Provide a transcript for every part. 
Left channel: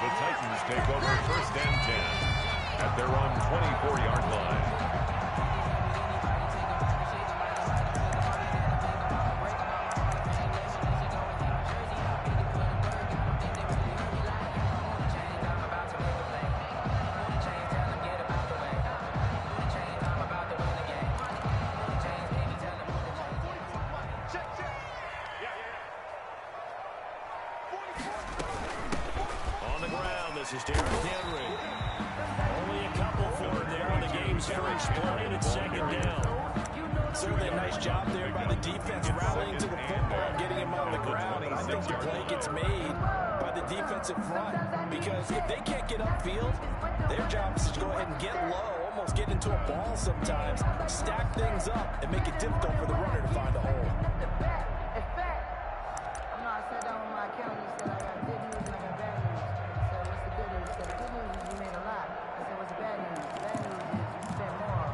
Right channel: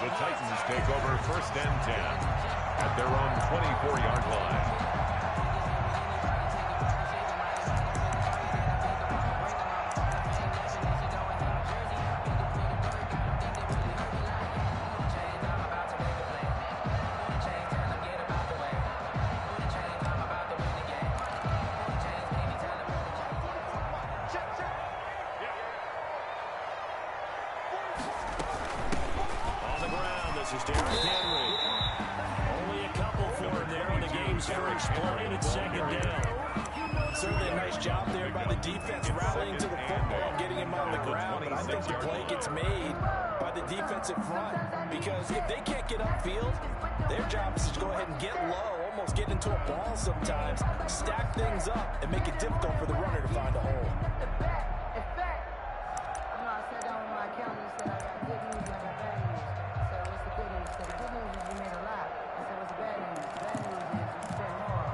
The Titans take over 1st and 10 at their own 24-yard line. This is Derrick Henry. Only a couple for him there on the game's first play, and it's 2nd down. Certainly a nice job there by the defense, rallying to the football, getting him on the ground. But I think the play gets made by the defensive front, because if they can't get upfield, their job is to go ahead and get low, almost get into a ball sometimes, stack things up, and make it difficult for the runner to find a hole. I sat down with my accountant. He said, I got good news and I got bad news. I said, what's the good news? He said, the good news is you made a lot. I said, what's the bad news? The bad news is you spent more.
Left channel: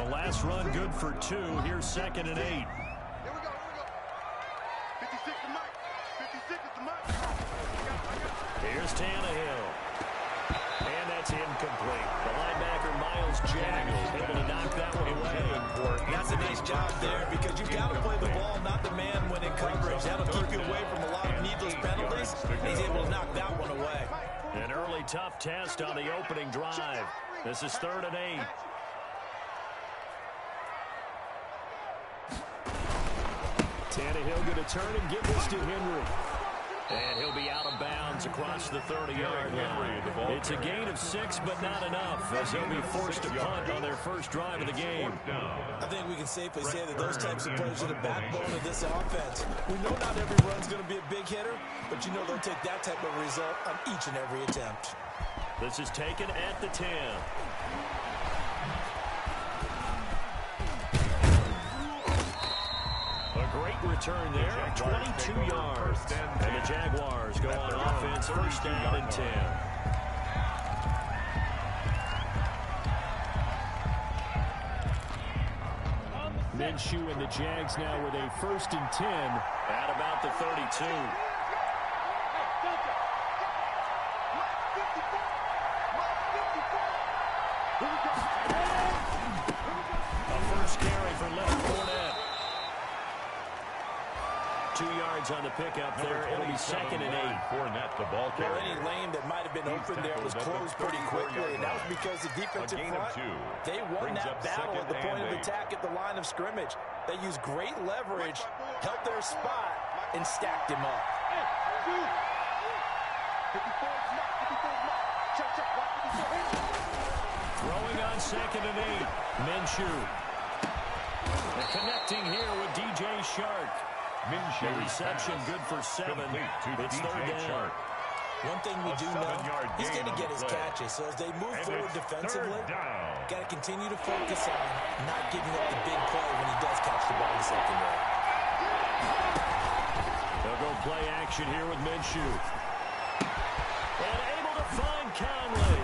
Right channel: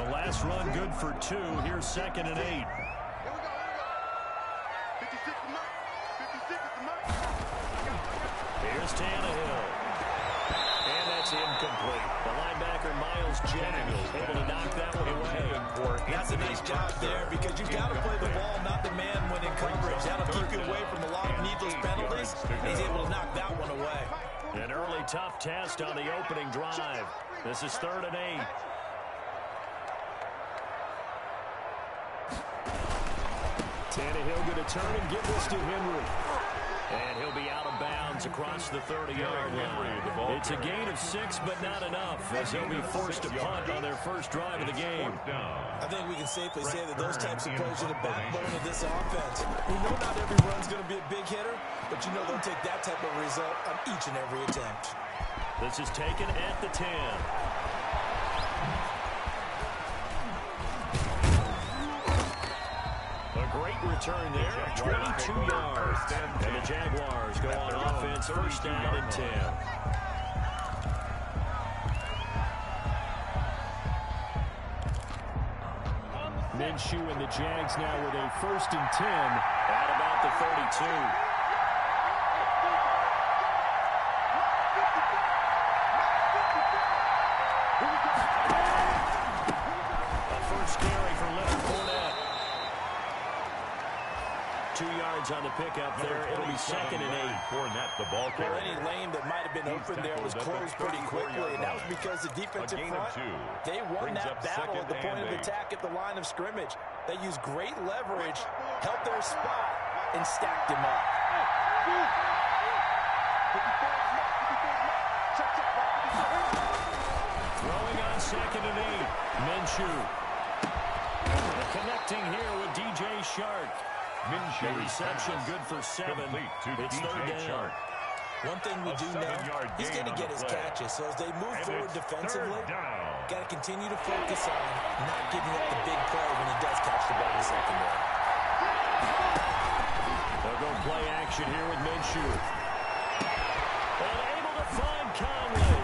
The last run good for 2. Here's 2nd and 8. Here we go. 56 to Mike. 56 is the Mike. Here's Tannehill. And that's incomplete. The linebacker, Miles Jack, able to knock that one away. That's a nice job there, because you've got to play the ball, not the man when in coverage. That'll keep you away from a lot of needless penalties. He's able to knock that one away. An early tough test on the opening drive. This is 3rd and 8. Tannehill going to turn and give this to Henry. And he'll be out of bounds across the 30-yard line. It's a gain of 6, but not enough, as he'll be forced to punt on their first drive of the game. I think we can safely say that those types of plays are the backbone of this offense. We know not every run's going to be a big hitter, but you know they'll take that type of result on each and every attempt. This is taken at the 10. A great return there, 22 yards. And the Jaguars go on offense, 1st down and 10. Minshew and the Jags now with a 1st and 10 at about the 32. A first carry for Leonard Fournette. 2 yards on the pickup there. It'll be 2nd and 8. Fournette, the ball carrier. Well, any lane that might have been open there was closed pretty quickly, and that was because the defensive front, they won that battle at the point of attack at the line of scrimmage. They used great leverage, held their spot, and stacked him up. Throwing on 2nd and 8. Minshew. And connecting here with DJ Shark. Minshew the reception good for 7. It's 3rd down. One thing we do know, he's going to get his catches. So as they move forward defensively, got to continue to focus on not giving up the big play when he does catch the ball in the secondary. They'll go play action here with Minshew. And able to find Conley.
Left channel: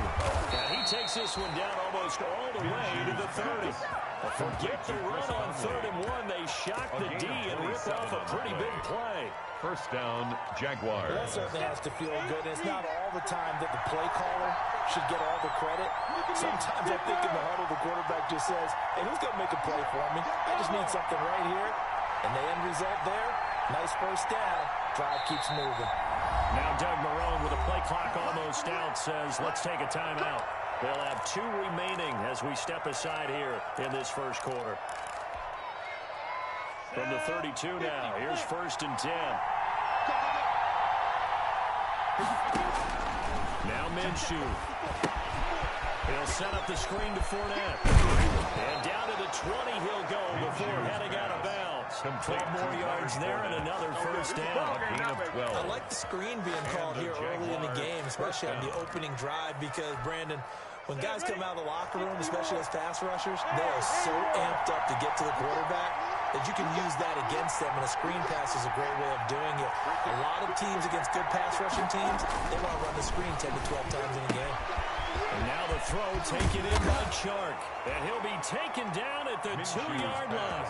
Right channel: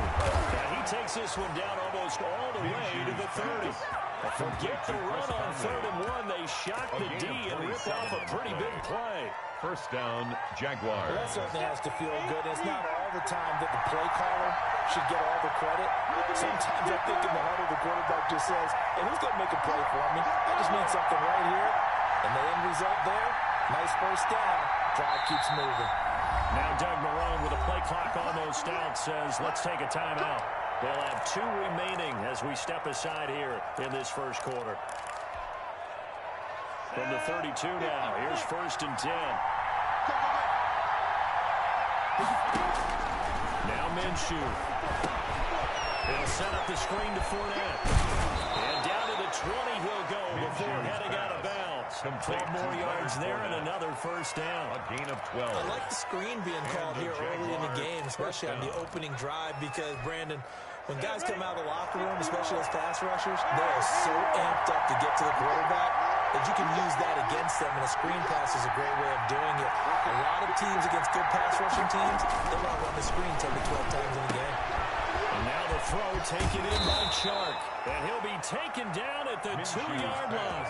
And he takes this one down almost all the way to the 30. Forget the run on 3rd and 1. They shock the D and rip off a pretty big play. 1st down, Jaguars. Well, that certainly has to feel good. It's not all the time that the play caller should get all the credit. Sometimes I think in the huddle, the quarterback just says, hey, who's going to make a play for me? I just need something right here. And the end result there, nice 1st down. Drive keeps moving. Now Doug Marrone with a play clock almost out says, let's take a timeout. They'll have 2 remaining as we step aside here in this first quarter. From the 32 now, here's 1st and 10. Now Minshew. He'll set up the screen to Fournette. And down to the 20 he'll go before heading out of bounds. 12 more yards there and another 1st down. A gain of 12. I like the screen being called here early in the game, especially on the opening drive, because, Brandon, when guys come out of the locker room, especially as pass rushers, they are so amped up to get to the quarterback that you can use that against them, and a screen pass is a great way of doing it. A lot of teams against good pass rushing teams, they want to run the screen 10 to 12 times in a game. And now the throw taken in by Chark. And he'll be taken down at the 2-yard line.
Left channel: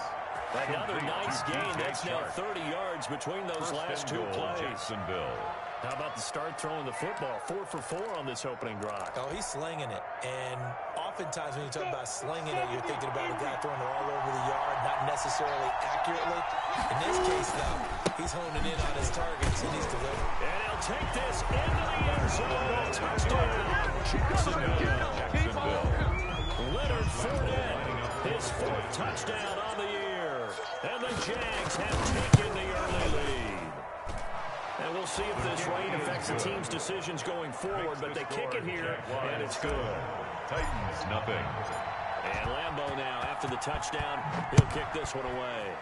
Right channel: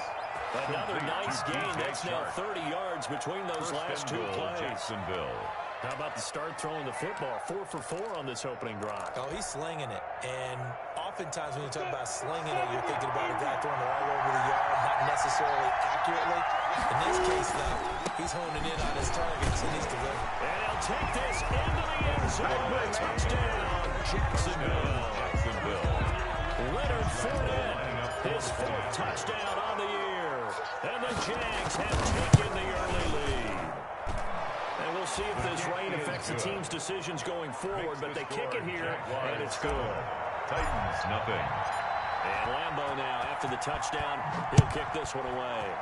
Another nice gain. That's now 30 yards between those last two plays. Jacksonville. How about the start throwing the football? 4 for 4 on this opening drive. Oh, he's slinging it. And oftentimes when you talk about slinging it, you're thinking about a guy throwing it all over the yard, not necessarily accurately. In this case, though, he's honing in on his targets, and he's delivering. And he'll take this into the end zone. A touchdown, Jacksonville. Leonard Fournette, his 4th touchdown on the year. And the Jags have taken the early lead. And we'll see if this rain affects the team's decisions going forward, but they kick it here, and it's good. Titans, nothing. And Lambeau now, after the touchdown, he'll kick this one away.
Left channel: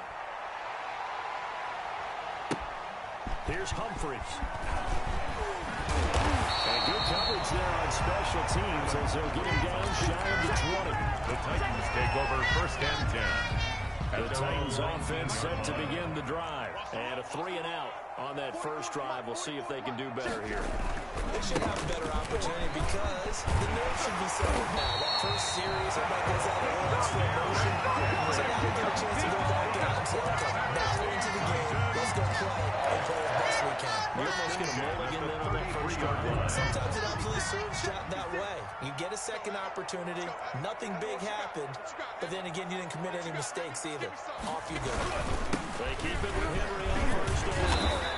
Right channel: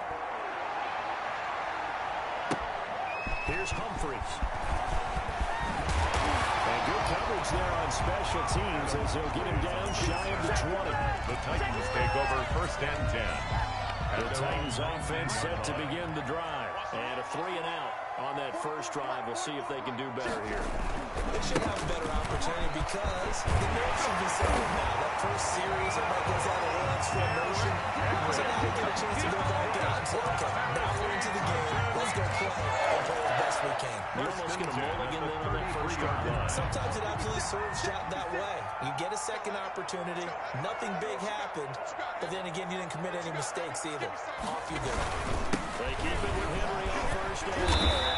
Here's Humphries. And good coverage there on special teams as they'll get him down shy of the 20. The Titans take over 1st and 10. The Titans offense set to begin the drive. And a 3-and-out on that first drive. We'll see if they can do better here. They should have a better opportunity because the nerves should be settled now. That first series, everybody goes out and runs for emotion. So now we get a chance to go back out and say, okay, now we're into the game. Let's go play and play as best we can. You almost get a mulligan then on that first drive. Sometimes it absolutely serves that way. You get a second opportunity. Nothing big happened. But then again, you didn't commit any mistakes either. Off you go. They keep it with Henry on first down.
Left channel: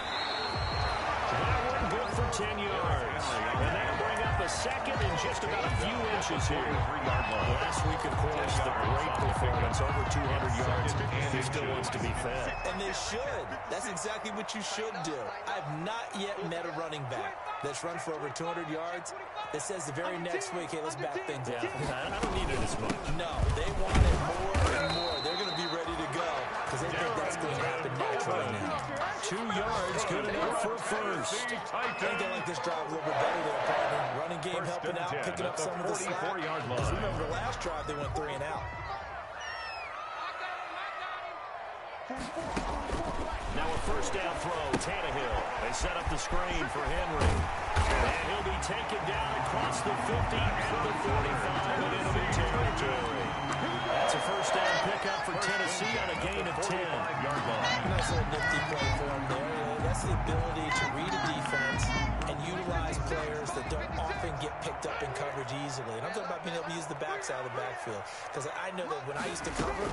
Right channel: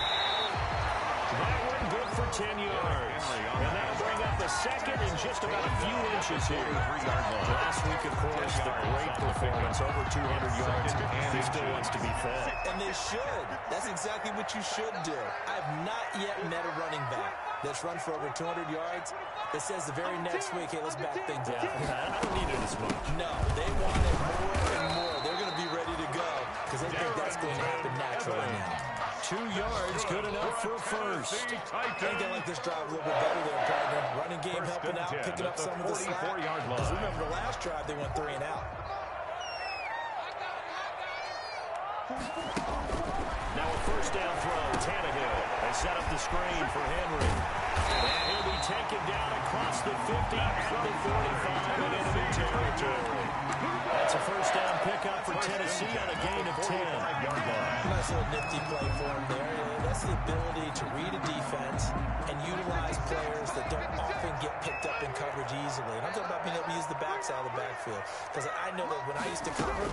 That one good for 10 yards. And that'll bring up the second in just about a few inches here. Last week, of course, the great performance, over 200 yards. He still wants to be fed. And they should. That's exactly what you should do. I have not yet met a running back that's run for over 200 yards that says the very next week, hey, let's back things up. I don't need it as much. No, they want it more and more. They're going to be ready to go because they think that's going to happen naturally now. 2 yards, good enough for first. I think they like this drive a little bit better there, partner. Running game helping out, picking up some of the slack. Because remember the last drive, they went 3-and-out. Now a first down throw, Tannehill. They set up the screen for Henry. And he'll be taken down across the 50 and the 45 and enemy territory. That's a first down pickup for Tennessee on a gain of 10. Nice little nifty play for him there. That's the ability to read a defense and utilize players that don't often get picked up in coverage easily. And I'm talking about being able to use the backside of the backfield. Because I know that when I used to cover,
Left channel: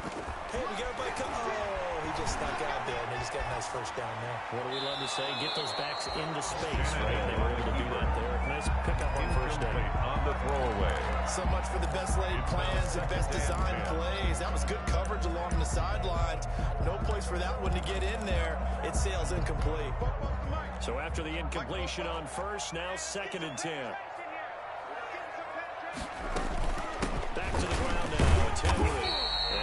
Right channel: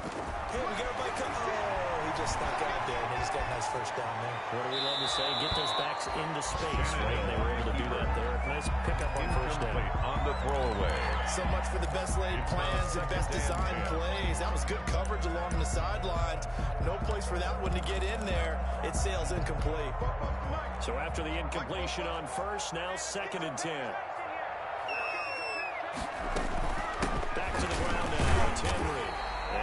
hey, we got everybody oh, he just snuck out there, and they just got a nice first down there. What do we love to say? Get those backs into space, right? They were able to do that there. Nice pickup on first down. On the throwaway. So much for the best laid plans and best designed plays. That was good coverage along the sidelines. No place for that one to get in there. It sails incomplete. So after the incompletion on first, now 2nd and 10. Back to the ground now. It's Henry.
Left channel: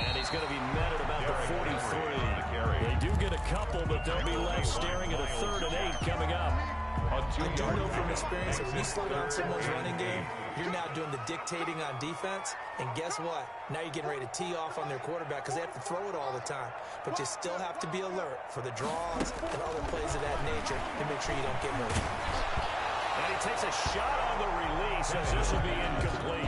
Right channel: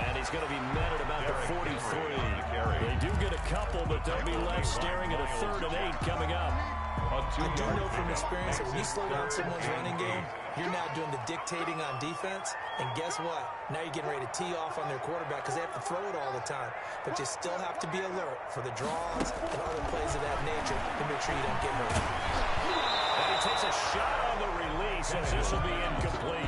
And he's going to be met at about the 43. They do get a couple, but they'll be left staring at a 3rd and 8 coming up. I do know from experience that when you slow down someone's running game, you're now doing the dictating on defense. And guess what? Now you're getting ready to tee off on their quarterback because they have to throw it all the time. But you still have to be alert for the draws and other plays of that nature to make sure you don't get hurt. And he takes a shot on the release as this will be incomplete.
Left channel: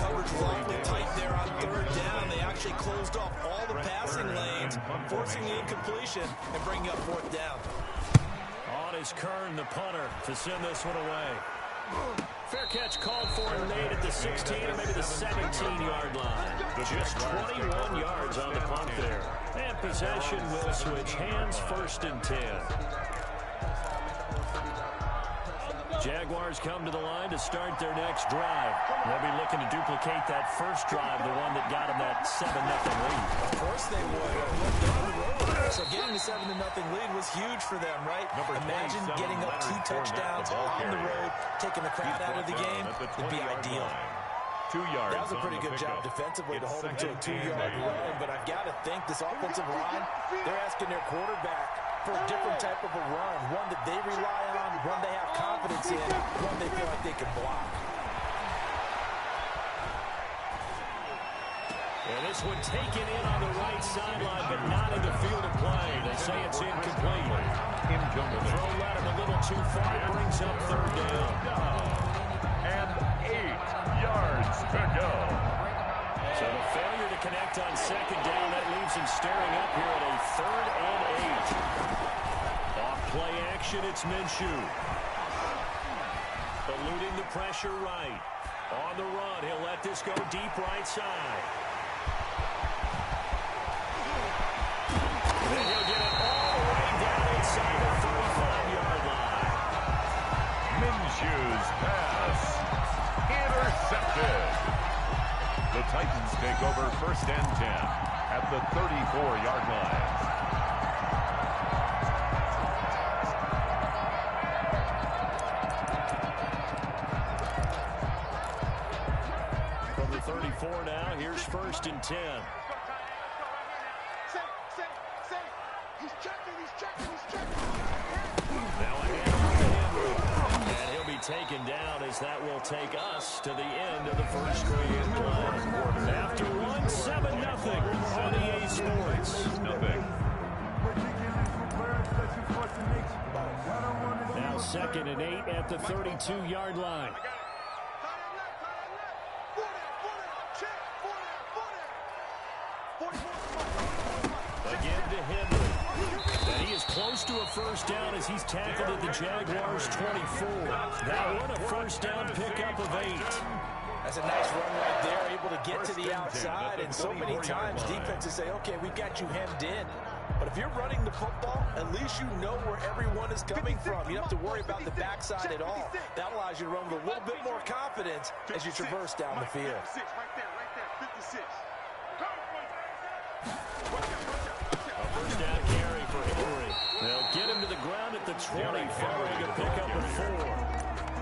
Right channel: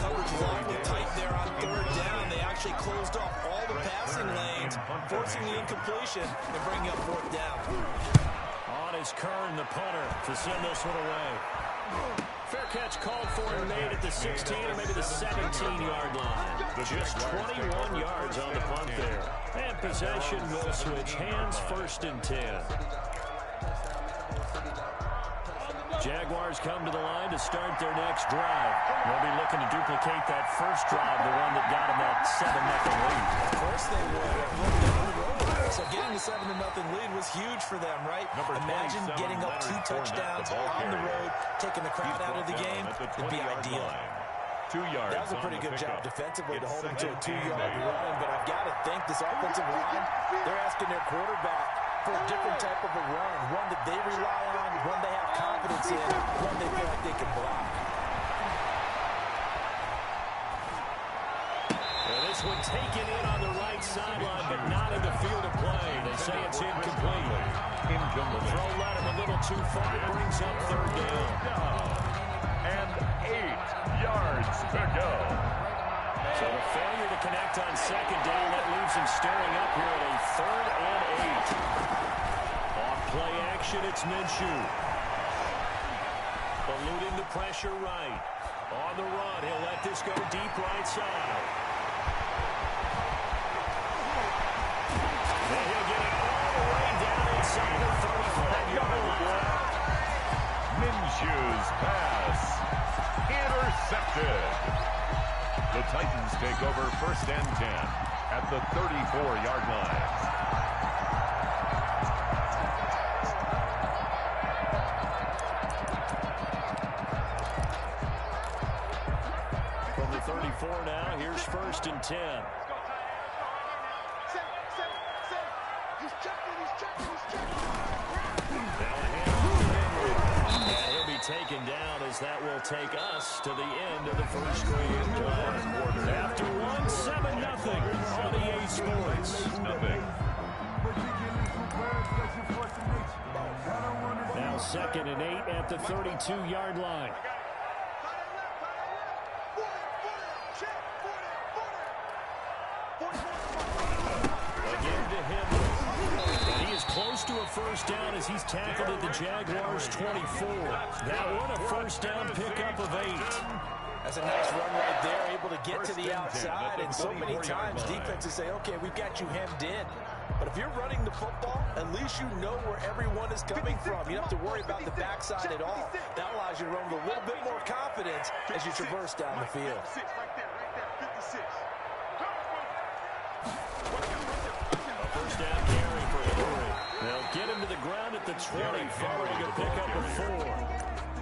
Coverage was awfully tight there on 3rd down. They actually closed off all the passing lanes, forcing the incompletion and bringing up 4th down. On is Kern, the punter, to send this one away. Fair catch called for and made at the 16 or maybe the 17-yard line. Just 21 yards on the punt there. And possession will switch hands, 1st and 10. Jaguars come to the line to start their next drive. They'll be looking to duplicate that first drive, the one that got them that 7-0 lead. Of course they would. Down the road. So getting the 7-0 lead was huge for them, right? Imagine getting up 2 touchdowns on the road, taking the crowd out of the game. It'd be ideal. 2 yards. That was a pretty good job defensively to hold them to a 2-yard run, but I've got to think this offensive line, they're asking their quarterback for a different type of a run, one that they rely on, one they have confidence in, one they feel like they can block. And this one taken in on the right sideline, but not in the field of play. They say it's incomplete. The throw led him a little too far. It brings up 3rd down. And 8 yards to go. So the failure to connect on second down, that leaves him staring up here at a 3rd and 8. Off play action, it's Minshew. Eluding the pressure right. On the run, he'll let this go deep right side. Then he'll get it all the way down inside the 35-yard line. Minshew's pass. Intercepted. The Titans take over 1st and 10 at the 34-yard line. From the 34 now, here's 1st and 10. Let's go, Ty. Let's go right here now. Say. He's checking. Now a handoff to Henry. And he'll be taken down as that will take us to the end of the first quarter. After 1-7-0 on EA Sports. Now 2nd and 8 at the 32-yard line. Again to Henry. And he is close to a first down as he's tackled at the Jaguars' 24. That one a first down pickup of 8. That's a nice run right there, able to get to the outside. And so many times defenses say, okay, we've got you hemmed in. But if you're running the football, at least you know where everyone is coming from. You don't have to worry about the backside at all. That allows you to run with a little bit more confidence as you traverse down the field. Right there, 56. A first down carry for Henry. They'll get him to the ground at the 20, following a pickup of 4.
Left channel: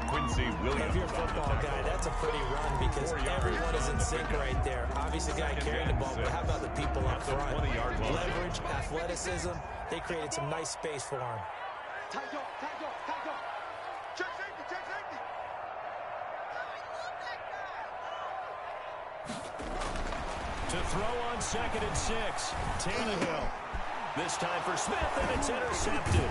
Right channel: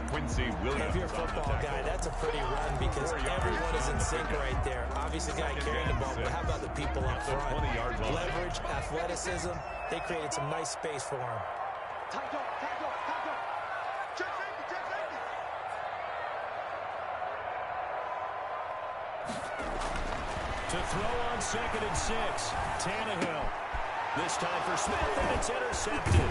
Quincy Williams. If you're a football guy, that's a pretty run because everyone is in sync right there. Obviously, the guy carrying the ball, but how about the people up front? Leverage, athleticism, they created some nice space for him. Check safety. To throw on 2nd and 6, Tannehill. This time for Smith, and it's intercepted.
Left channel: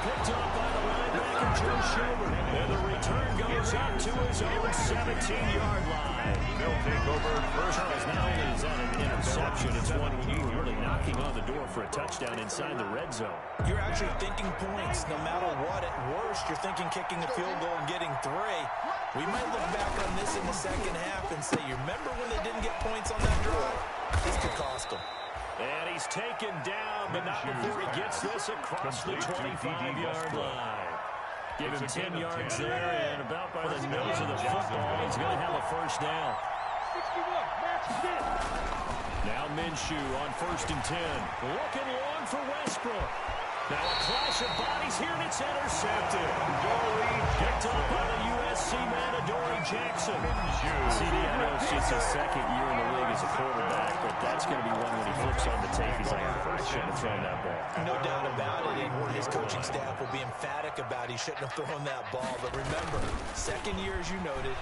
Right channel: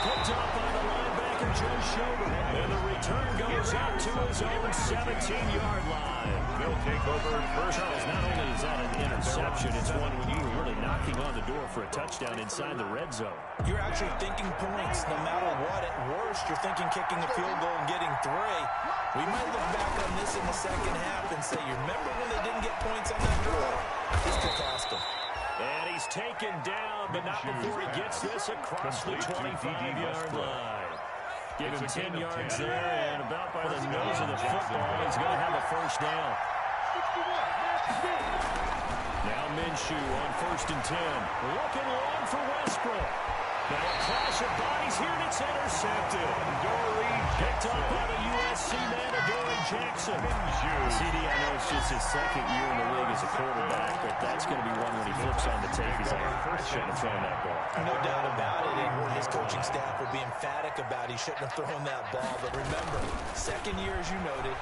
Picked off by the linebacker, Joe Schobert. And the return goes up to his own 17-yard line. They'll take over first. Charles, not only is that an interception, it's one when you were really knocking on the door for a touchdown inside the red zone. You're actually thinking points no matter what. At worst, you're thinking kicking a field goal and getting 3. We might look back on this in the second half and say, you remember when they didn't get points on that drive? This could cost them. And he's taken down, but not before he gets this across the 25-yard line. Give him 10 yards there, and about by the nose of the football, he's going to have a first down. 61, match fit. Now Minshew on 1st and 10. Looking long for Westbrook. Now a clash of bodies here, and it's intercepted. Picked up by the USC man, Adoree Jackson. CD, I know it's just his 2nd year in the league as a quarterback, but that's going to be one when he flips on the tape. He's like, I shouldn't have thrown that ball. No doubt about it, and his coaching staff will be emphatic about he shouldn't have thrown that ball. But remember, 2nd year, as you noted,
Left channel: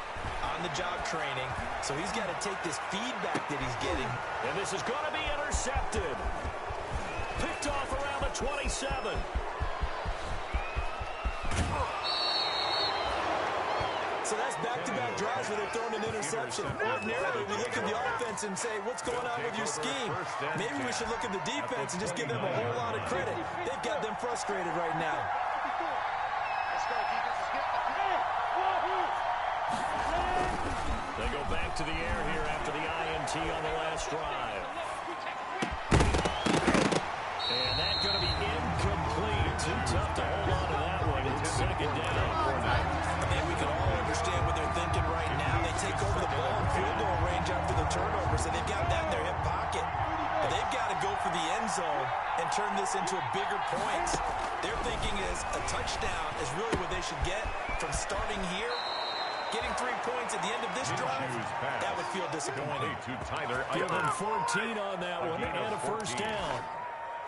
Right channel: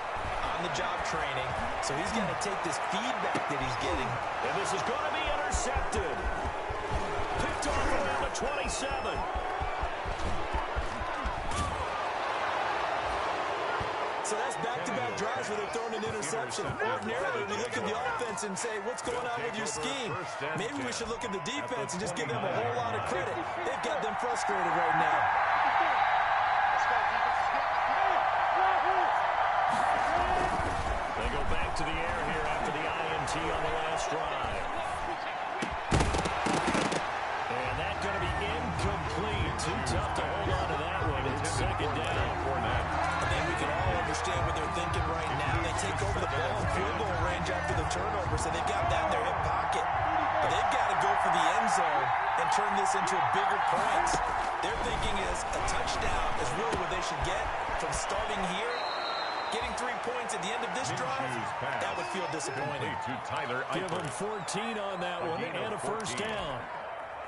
on-the-job training, so he's got to take this feedback that he's getting. And this is going to be intercepted. Picked off around the 27. So that's back-to-back drives where they're throwing an interception. Ordinarily, we look at the offense and say, what's going on with your scheme? Maybe we should look at the defense and just give them a whole lot of credit. They've got them frustrated right now. Let's go, defense. Let's get They go back to the air here after the INT on the last drive. And that's going to be incomplete. Too tough to hold on to that one. It's 2nd down. I think we can all understand what they're thinking right now. They take over the ball in field goal range after the turnover, so they've got that in their hip pocket. But they've got to go for the end zone and turn this into bigger points. Their thinking is a touchdown is really what they should get from starting here. Getting 3 points at the end of this drive, that would feel disappointing. Give them 14 on that one and a first down.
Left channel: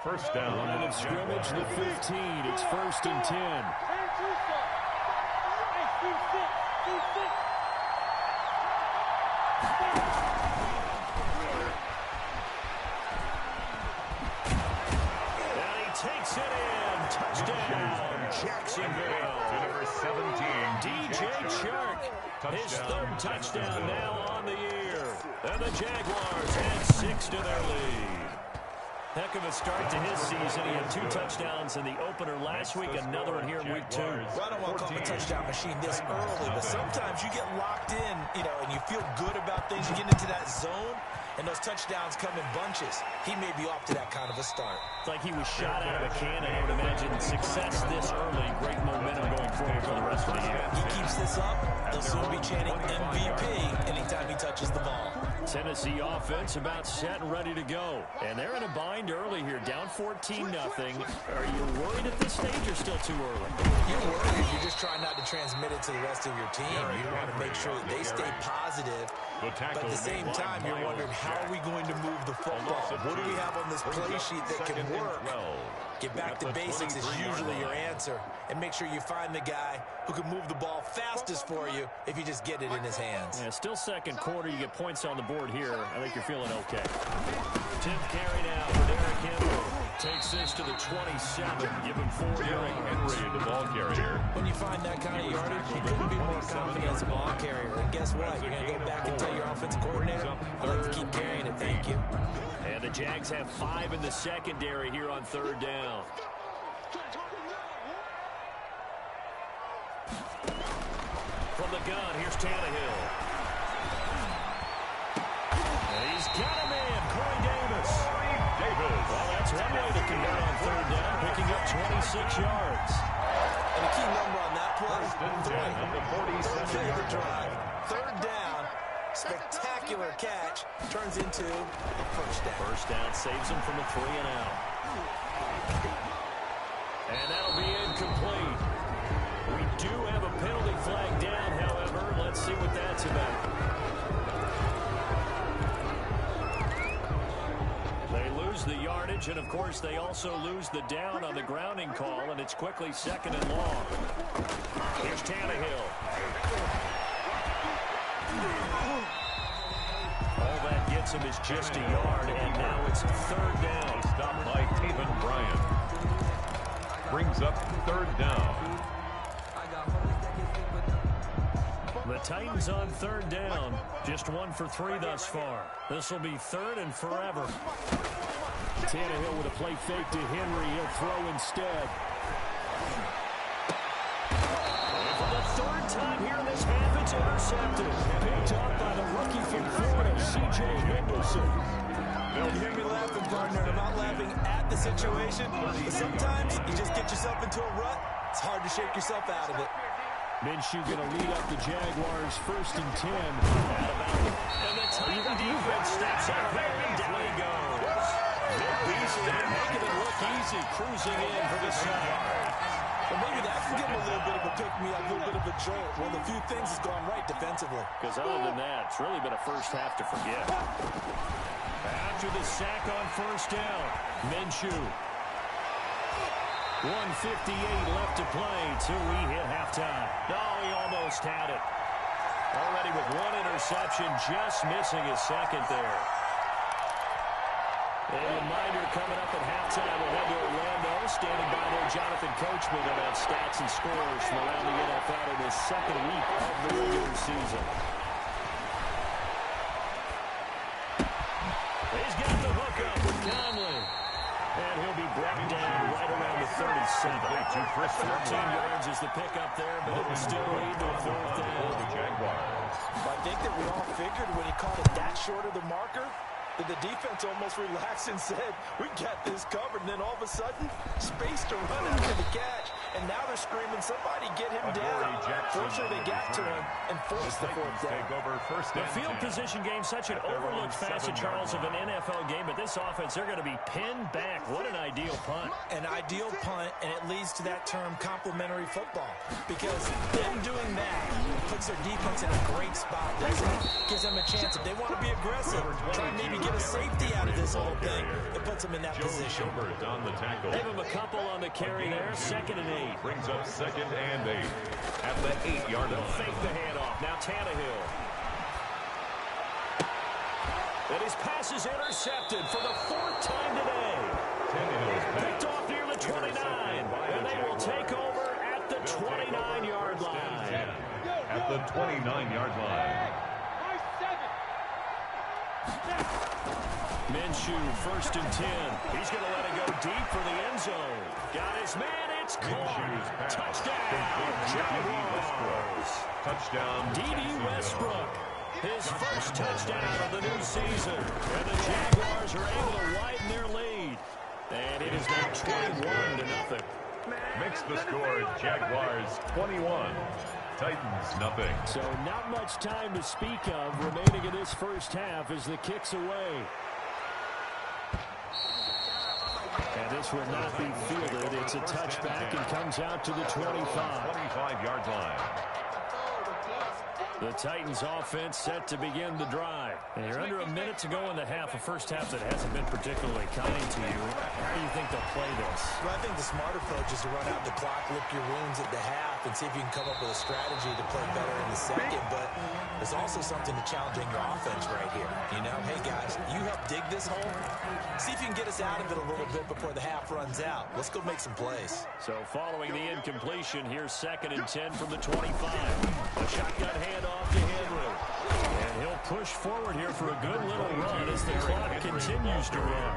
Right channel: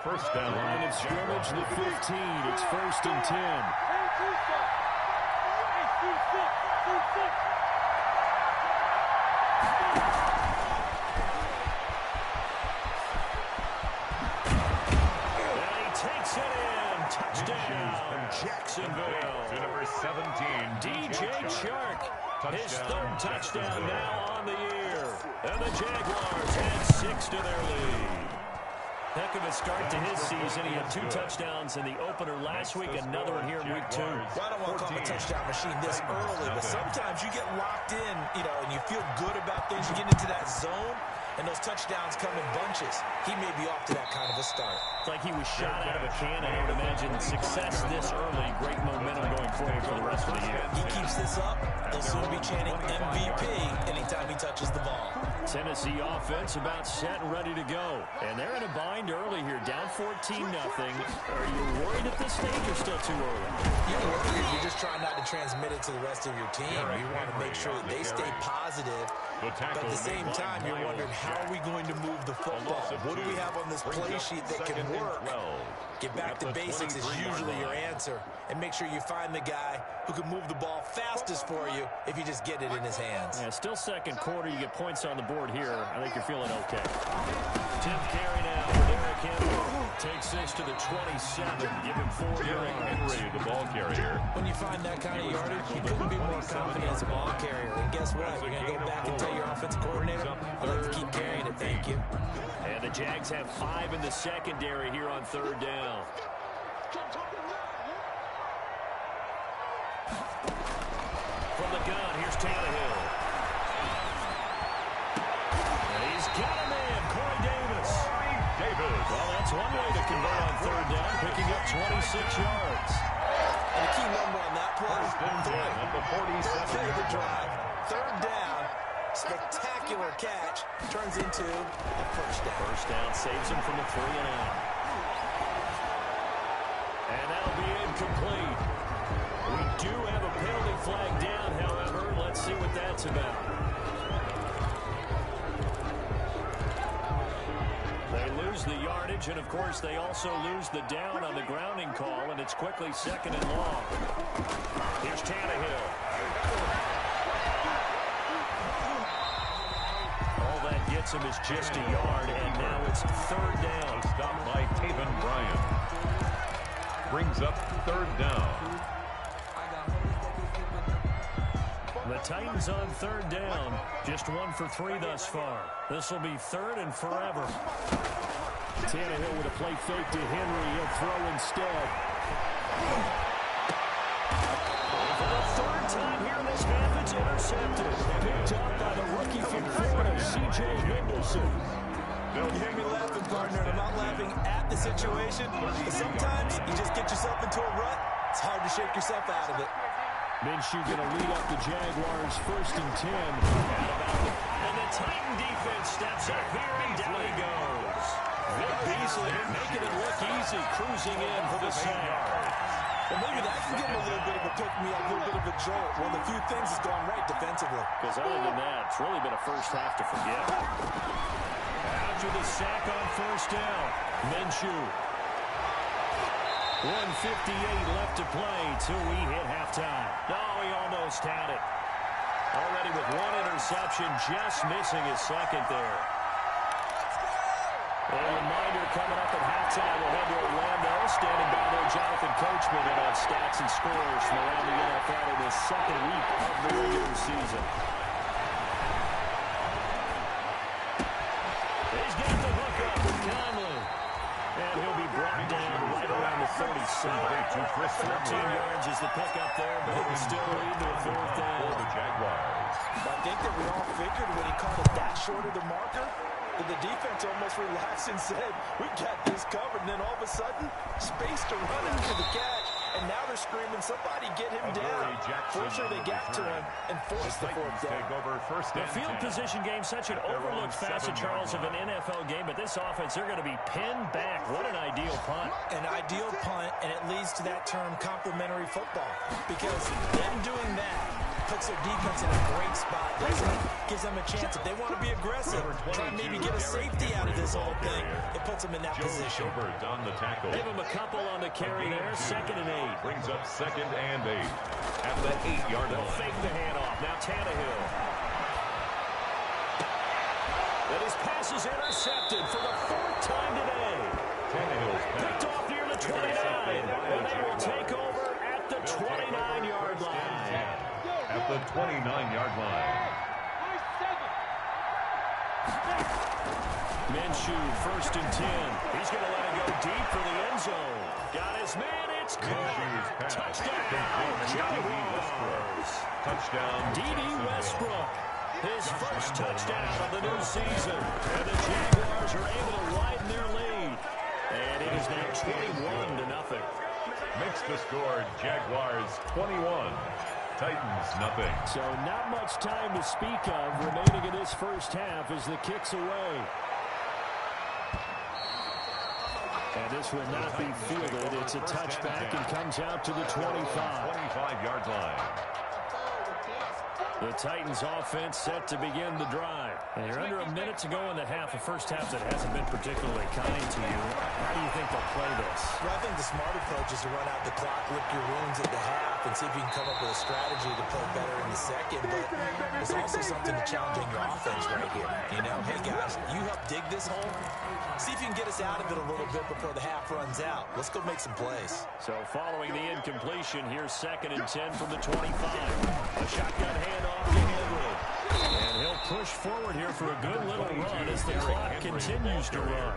First down. Line of scrimmage, the 15. It's 1st and 10. And he takes it in. Touchdown, Jacksonville. To number 17, DJ Chark. His third touchdown now on the year. And the Jaguars add 6 to their lead. Heck of a start to his season. He had 2 touchdowns in the opener last week, another one here in week 2. Well, I don't want to call him a touchdown machine this early, but sometimes you get locked in, and you feel good about things. You get into that zone, and those touchdowns come in bunches. He may be off to that kind of a start. It's like he was shot out of a cannon. I would imagine success this early, great momentum going forward for the rest of the year. He keeps this up, they'll soon be chanting MVP anytime he touches the ball. Tennessee offense about set and ready to go. And they're in a bind early here, down 14-0. Are you worried at this stage or still too early? You're worried. You're just trying not to transmit it to the rest of your team. You want to make sure that they stay positive. But at the same time, you're wondering, how are we going to move the football? What do we have on this play sheet that can work? Get back to basics is usually your answer. And make sure you find the guy who can move the ball fastest for you if you just get it in his hands. Yeah, still second quarter. You get points on the board here. I think you're feeling okay. 10th carry now for Derrick Henry. Takes this to the 27. Give him 4 yards. Henry, the ball carrier. When you find that kind of yardage, you couldn't be more confident as a ball carrier. And guess what? You're going to go back and tell your offensive coordinator, I'd like to keep carrying it, thank you. And the Jags have 5 in the secondary here on 3rd down. From the gun, here's Tannehill. And he's got a man, Corey Davis. Well, that's one way to convert on 3rd down, picking up 26 yards. And the key number on that play, 3. At the 47-yard drive, 3rd down, spectacular catch, turns into a first down. First down saves him from a 3-and-out. And that'll be incomplete. We do have a penalty flag down, however. Let's see what that's about. They lose the yardage, and of course they also lose the down on the grounding call, and it's quickly 2nd and long. Here's Tannehill. All that gets him is just a yard, and now it's 3rd down. Stopped by Taven Bryan. Brings up 3rd down. The Titans on 3rd down. Just 1 for 3 thus far. This will be 3rd and forever. Tannehill with a play fake to Henry. He'll throw instead. And for the 3rd time here in this half, it's intercepted. Picked up by the rookie from Florida, C.J. Henderson. You hear me laughing, partner, and I'm not laughing at the situation, but sometimes you just get yourself into a rut. It's hard to shake yourself out of it. Minshew going to lead up the Jaguars 1st and 10. Out of bounds. And the Titan defense steps up here, and down he goes. Vic Beasley making it look easy, cruising in for the sack. Well, maybe that can give him a little bit of a pick-me-up, a little bit of a jolt. One of the few things has gone right defensively. Because other than that, it's really been a first half to forget. After the sack on 1st down, Minshew. 1:58 left to play till we hit halftime. No, he almost had it. Already with 1 interception, just missing his 2nd there. A reminder coming up at halftime, we'll head to Orlando. Standing by there, Jonathan Coachman, and have stats and scores from around the NFL in the 2nd week of the regular season. He's got the hook up with Conley. And he'll be brought down right around the 37. 13 yards is the pickup there, but it will still lead to a 4th down. For the Jaguars. I think that we all figured when he caught it that short of the marker, that the defense almost relaxed and said, we got this covered. And then all of a sudden, space to run into the catch. And now they're screaming, somebody get him down. Fortunately, they got to him and forced the 4th down. Take over 1st The and field 10. position game, such an overlooked facet, Charles, of an NFL game. But this offense, they're going to be pinned back. What an ideal punt. An ideal punt, and it leads to that term complementary football. Because them doing that puts their defense in a great spot, doesn't it? Gives them a chance. If they want to be aggressive, try and maybe get a safety out of this whole thing, it puts them in that position. Gilbert on the tackle. Give him a couple on the carry there. 2nd and 8. Brings up 2nd and 8 at the 8-yard They'll line. fake the handoff. Now Tannehill. And his pass is intercepted for the 4th time today. Tannehill's pass. Picked off near the 29, and they will take over at the 29-yard line. At the 29-yard line. Minshew, 1st and 10. He's going to let it go deep for the end zone. Got his man. It's caught. Touchdown, Jaguars. Touchdown, D.D. Westbrook. His first touchdown of the new season. And the Jaguars are able to widen their lead. And it is now 21-0. Makes the score Jaguars 21. Titans nothing. So not much time to speak of remaining in this first half as the kick's away. And this will not be fielded. It's a touchback and comes out to the 25. 25-yard line. The Titans offense set to begin the drive. And you're under a minute to go in the half, a first half that hasn't been particularly kind to you. How do you think they'll play this? Well, I think the smart approach is to run out the clock, lick your wounds at the half, and see if you can come up with a strategy to play better in the second. But there's also something to challenging your offense right here. You know, hey, guys, you help dig this hole. See if you can get us out of it a little bit before the half runs out. Let's go make some plays. So following the incompletion, here's 2nd and 10 from the 25. A shotgun handoff to Henry. And he'll push forward here for a good little run as the clock continues to run.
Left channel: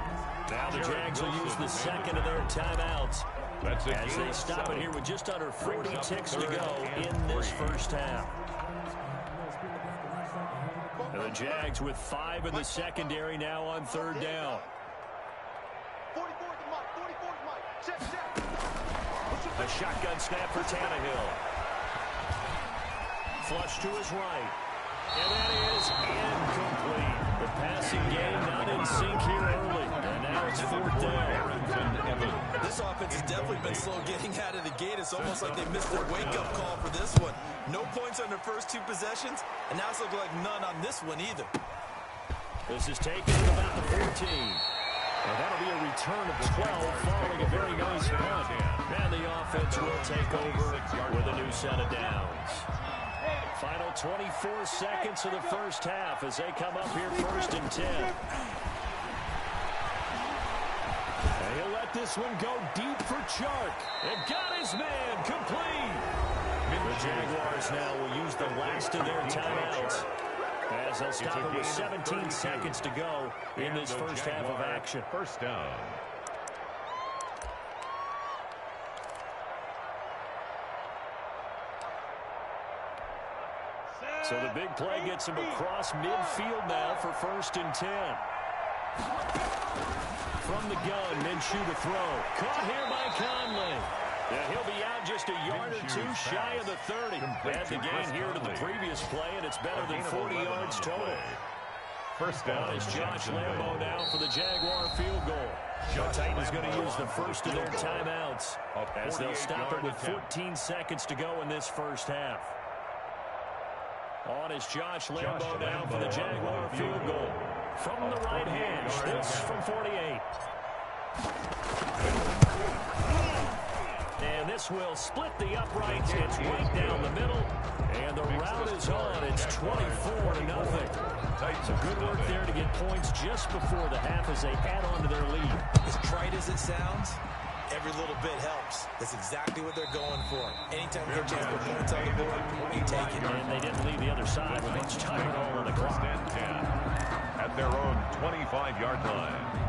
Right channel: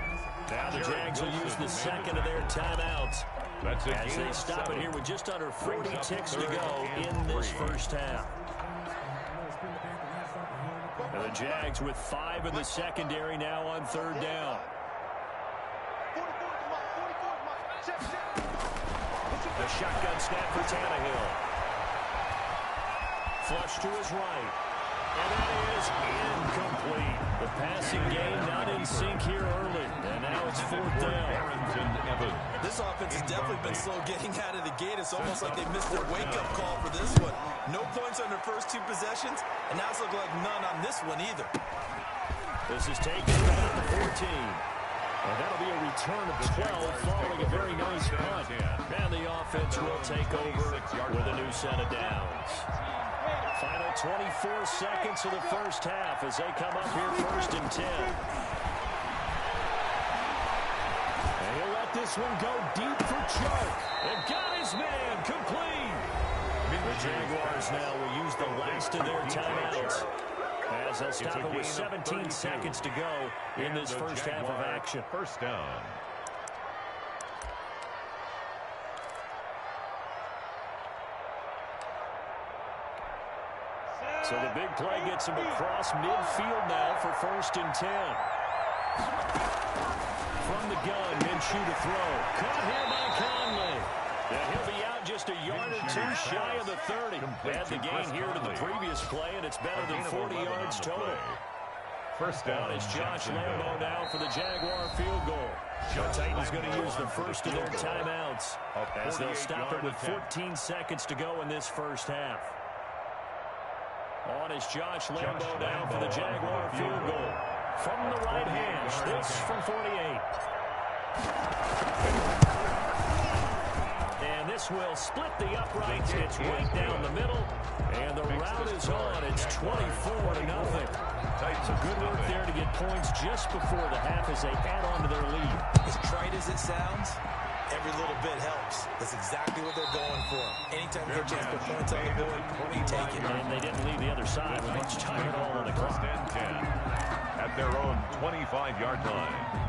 Now the Jags will use the second of their timeouts as they stop it here with just under 40 ticks to go in this first half. And the Jags with 5 in the secondary now on 3rd down. The shotgun snap for Tannehill. Flush to his right. And that is incomplete. The passing game not in sync here early. And now it's 4th down. This offense has definitely been slow getting out of the gate. It's almost like they missed their wake-up call for this one. No points on their first 2 possessions, and now it's looking like none on this one either. This is taken at about the 14. And that'll be a return of 12 following a very nice punt. And the offense will take over with a new set of downs. Final 24 seconds of the first half as they come up here 1st and 10. And he'll let this one go deep for Chark. And got his man complete. The Jaguars now will use the last of their timeouts as they'll stop it with 17 seconds to go in this first half of action. First down. So the big play gets him across midfield now for 1st and 10. From the gun, Minshew to throw. Caught here by Conley. And he'll be out just a yard or 2 shy of the 30. Add the gain here to the previous play, and it's better than 40 yards total. First down. It's Josh Lambo now for the Jaguar field goal. The Titans going to use the first of their timeouts as they'll stop it with 14 seconds to go in this first half. On is Josh Lambo now for the Jaguar field goal. From the right hash, this from 48. And this will split the uprights. It's right down the middle. And the route is on. It's 24-0. So good work there to get points just before the half as they add on to their lead. As trite as it sounds, every little bit helps. That's exactly what they're going for. Anytime you get a chance to put points on the board, you take it. And they didn't leave the other side with much time at all on the clock. First and 10 at their own 25-yard line.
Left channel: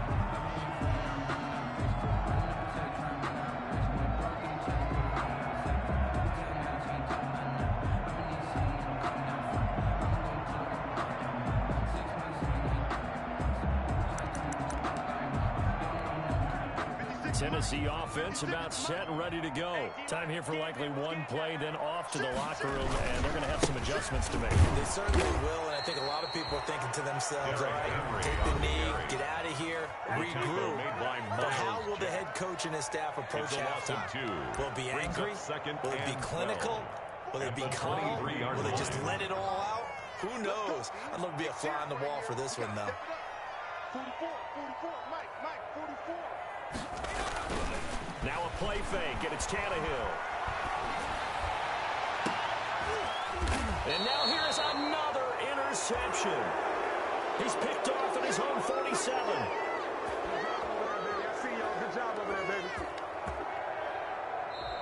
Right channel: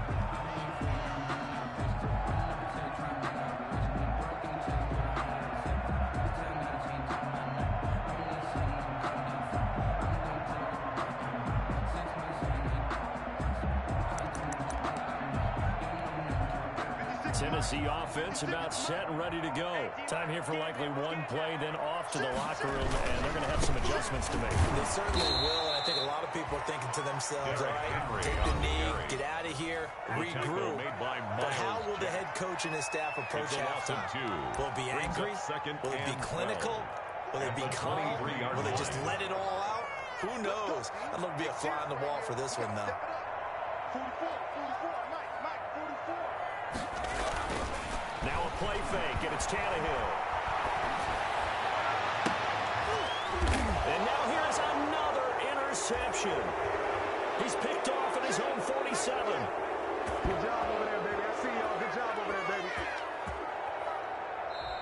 Tennessee offense about set and ready to go. Time here for likely one play, then off to the locker room, and they're going to have some adjustments to make. They certainly will, and I think a lot of people are thinking to themselves, all right, take the knee, get out of here, regroup. But how will the head coach and his staff approach halftime? Will it be angry? Will it be clinical? Will it be calm? Will they just let it all out? Who knows? I'd love to be a fly on the wall for this one, though. 44, Mike, 44. Now a play fake, and it's Tannehill. And now here's another interception. He's picked off at his own 47. Good job over there, baby. I see y'all. Good job over there, baby.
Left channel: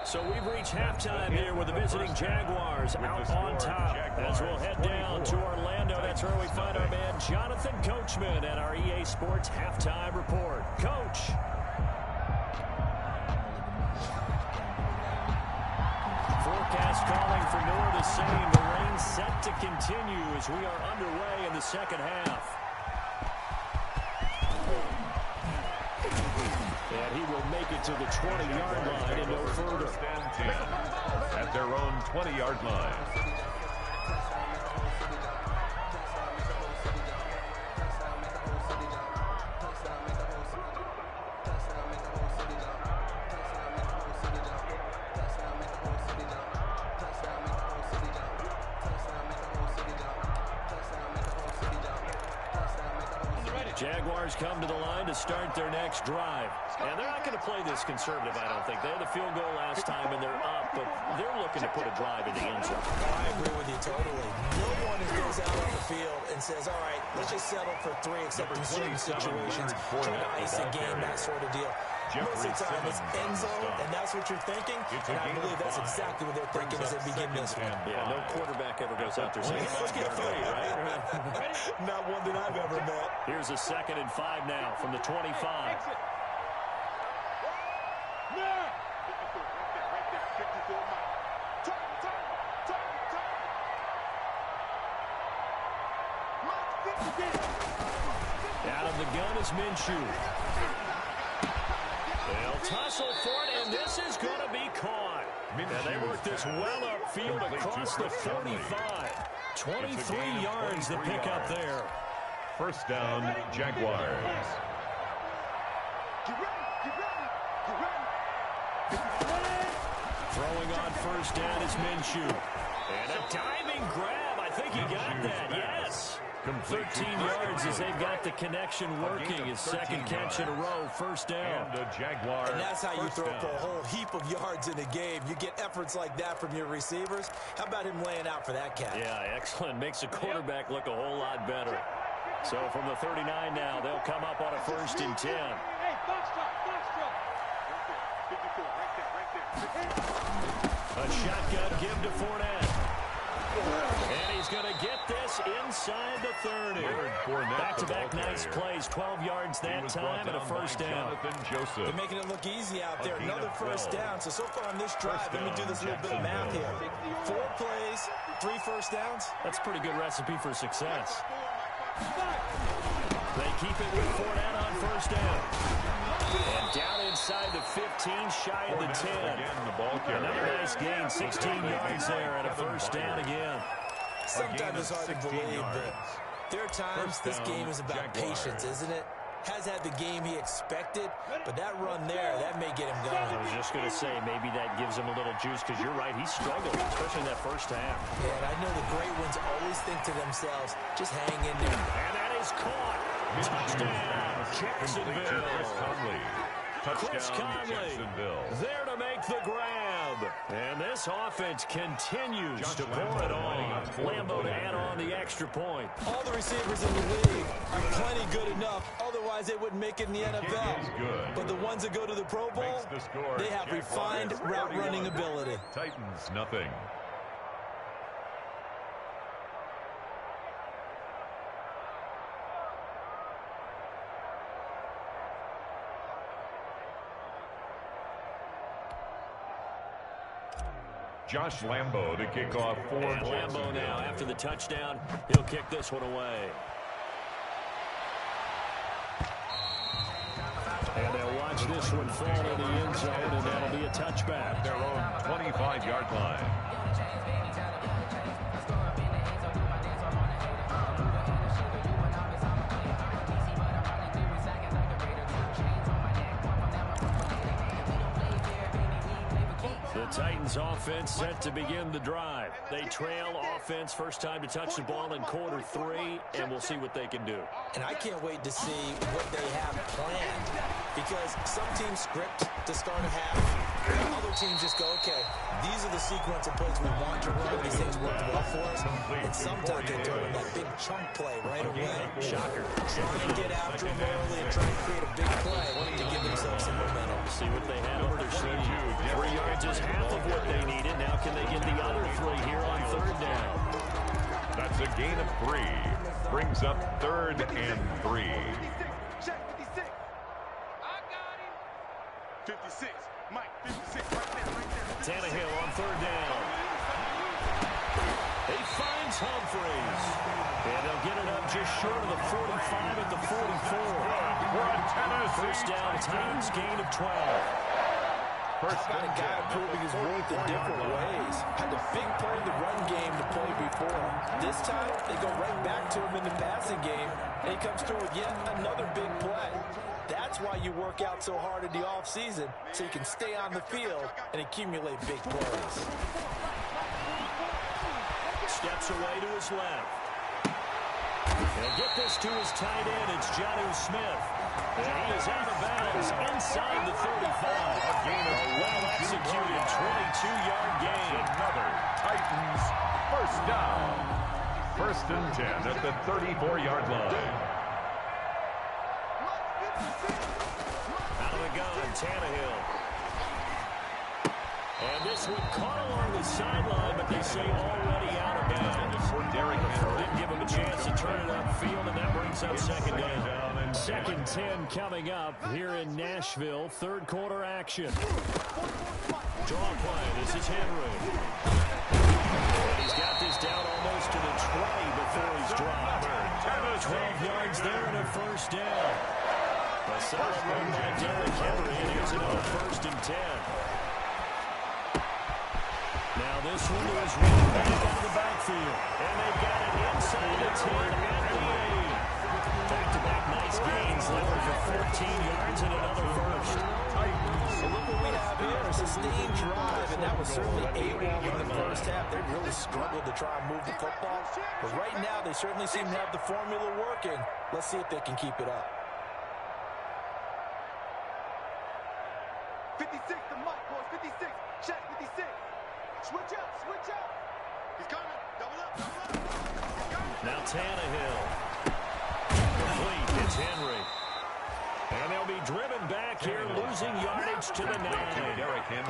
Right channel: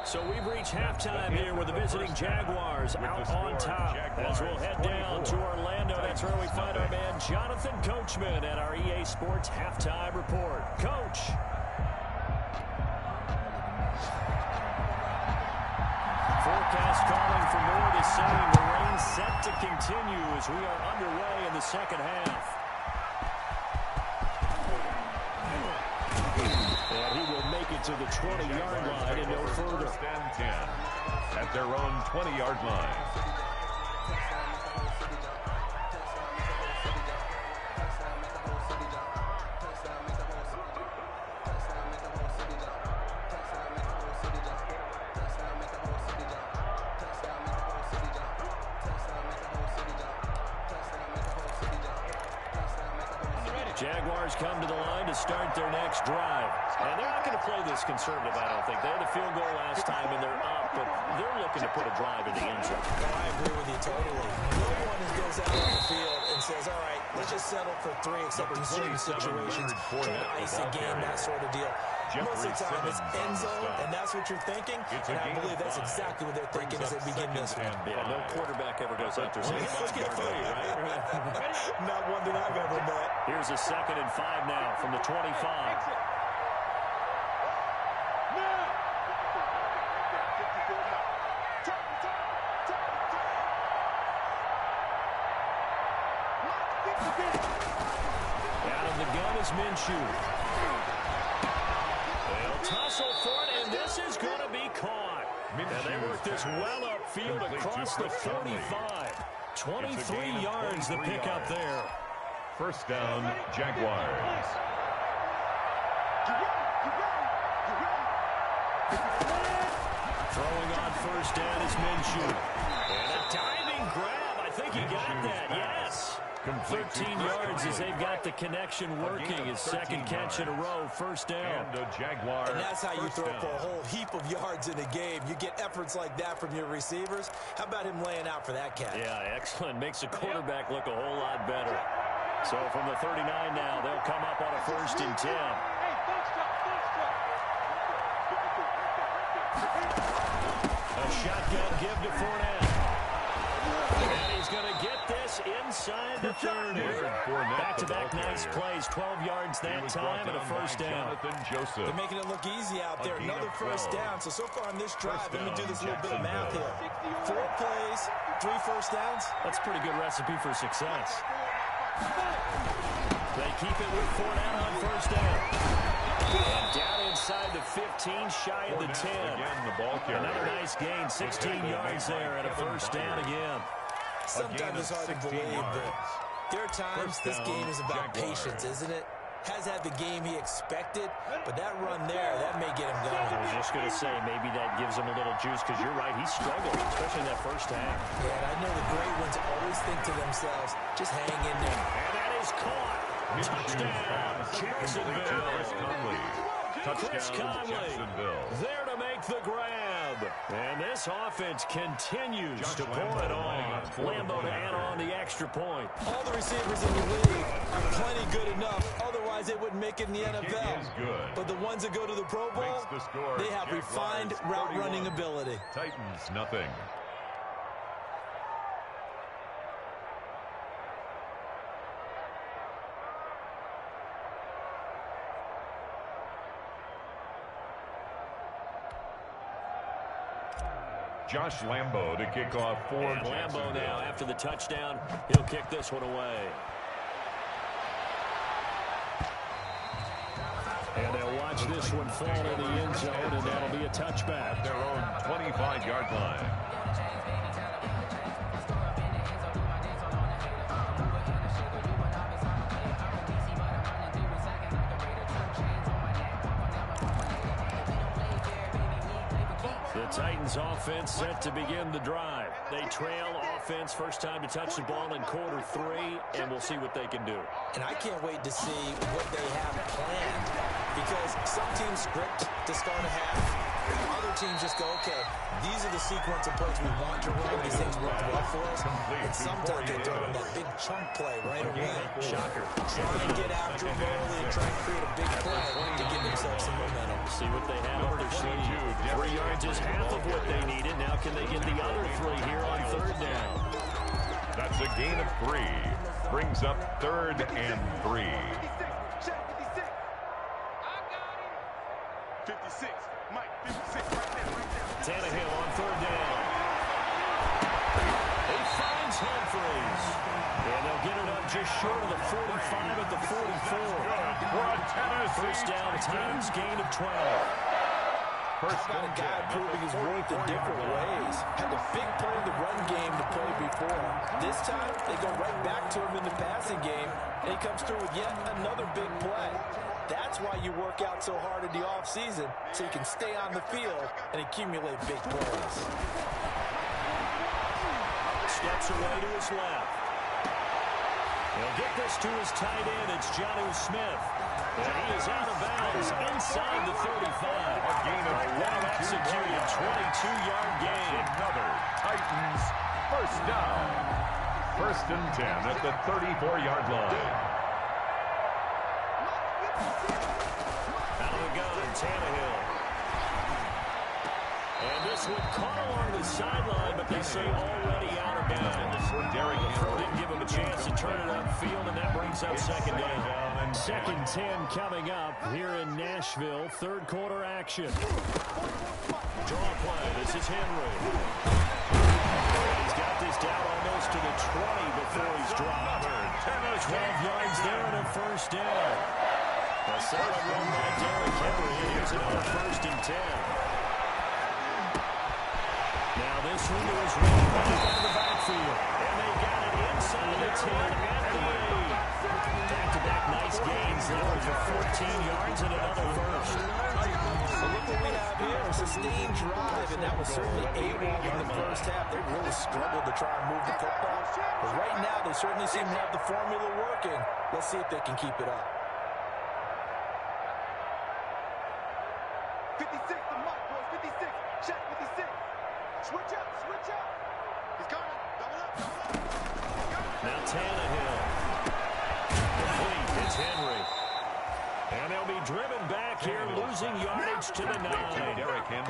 So we've reached halftime here with the visiting Jaguars out on top. As we'll head down to Orlando, that's where we find our man Jonathan Coachman at our EA Sports Halftime Report. Coach. Forecast calling for more of the same. The rain set to continue as we are underway in the second half. And he will make it to the 20-yard line and no further. First and 10 at their own 20-yard line. Jaguars come to the line to start their next drive. And they're not going to play this conservative, I don't think. They had a field goal last time, and they're up, but they're looking to put a drive in the end zone. Oh, I agree with you totally. No one goes out on the field and says, all right, let's just settle for 3 except in certain situations, trying to ice a game, that sort of deal. Most of the time, it's end zone, and that's what you're thinking, and I believe that's exactly what they're thinking as they begin this one. Yeah, no quarterback ever goes up there saying, let's get 3, right? Not one that I've ever met. Here's a 2nd and 5 now from the 25. Out of the gun is Minshew. They'll tussle for it, and this is going to be caught. And they work this well upfield across the 45. 23 yards to pick up there. First down, Jaguars. Throwing on first down is Minshew. And a diving grab. I think he got that, yes. 13 yards as they've got the connection working. His second catch in a row, first down. And that's how you throw for a whole heap of yards in a game. You get efforts like that from your receivers. How about him laying out for that catch? Yeah, excellent. Makes the quarterback look a whole lot better. So from the 39 now, they'll come up on a 1st and 10. A shotgun give to Fournette. And he's going to get this inside the 30. Back-to-back nice plays, 12 yards that time and a first down. They're making it look easy out there. Another first down. So far on this drive, let me do this little bit of math here. 4 plays, 3 first downs. That's a pretty good recipe for success. They keep it with Fournette on first down. And down inside the 15, shy of the 10. Another nice gain, 16 yards there and a first down again. Sometimes it's hard to believe, but there are times this game is about patience, isn't it? Has had the game he expected, but that run there, that may get him going. I was just going to say, maybe that gives him a little juice, because you're right, he struggled, especially in that first half. Yeah, and I know the great ones always think to themselves, just hang in there. And that is caught. Touchdown, Jacksonville. Chris Conley there to make the grab. And this offense continues to pour it on. Lambo to add on the extra point. All the receivers in the league are plenty good enough. Otherwise, they wouldn't make it in the NFL. But the ones that go to the Pro Bowl, they have refined route running ability. Titans, nothing. Josh Lambo to kick off for Lambo now after the touchdown. He'll kick this one away. And they'll watch this one fall in the end zone, and that'll be a touchback. At their own 25-yard line. The Titans offense set to begin the drive. They trail offense, first time to touch the ball in quarter 3, and we'll see what they can do. And I can't wait to see what they have planned, because some teams script to start a half, Other teams just go, okay, these are the sequence of plays we want to run. These things work well for us. And sometimes they throw in that big chunk play right away. Shocker. Try and get after them early and try and create a big play to give themselves some momentum. See what they have up their sleeve. 3 yards is half of what they needed. Now can they get the other 3 here on third down? That's a gain of 3. Brings up 3rd and 3. 56. Mike, 56. Right there. Tannehill on third down. He finds Humphreys. And they'll get it up just short of the 45 at the 44. For a Tennessee First down, Titans gain of 12. First How about a guy proving his worth in different ways? Had the big play in the run game to play before. This time, they go right back to him in the passing game, and he comes through with yet another big play. That's why you work out so hard in the offseason, so you can stay on the field and accumulate big plays. Steps away to his left. He'll get this to his tight end. It's Jonnu Smith. And he is out of bounds inside the 35. A gain of well-executed 22-yard gain. Another Titans first down. 1st and 10 at the 34-yard line. Out of the gun, Tannehill. And this one caught along the sideline, but they say already out of bounds. For Derrick Henry. Didn't give him a chance to turn it upfield, and that brings up second down. Second 10 coming up here in Nashville. Third quarter action. Draw play. This is Henry. And he's got this down almost to the 20 before he's dropped. 12 yards there and a first down. A solid run by Derrick Henry, and here's another 1st and 10. Now this one to his right back out of the backfield. And they've got it inside the 10 at the 8. Back-to-back nice gains, level for 14 yards and another first. So look what we have here, a sustained drive, and that was certainly A-1 in the first half. They really struggled to try and move the football. But right now, they certainly seem to have the formula working. Let's see if they can keep it up. 56 to Mike, boys. 56. Check 56. Switch up, switch up. He's coming. Double up, double up. He's coming. Now Tannehill. Complete. It's Henry. And they'll be driven back here, losing yardage to the 9.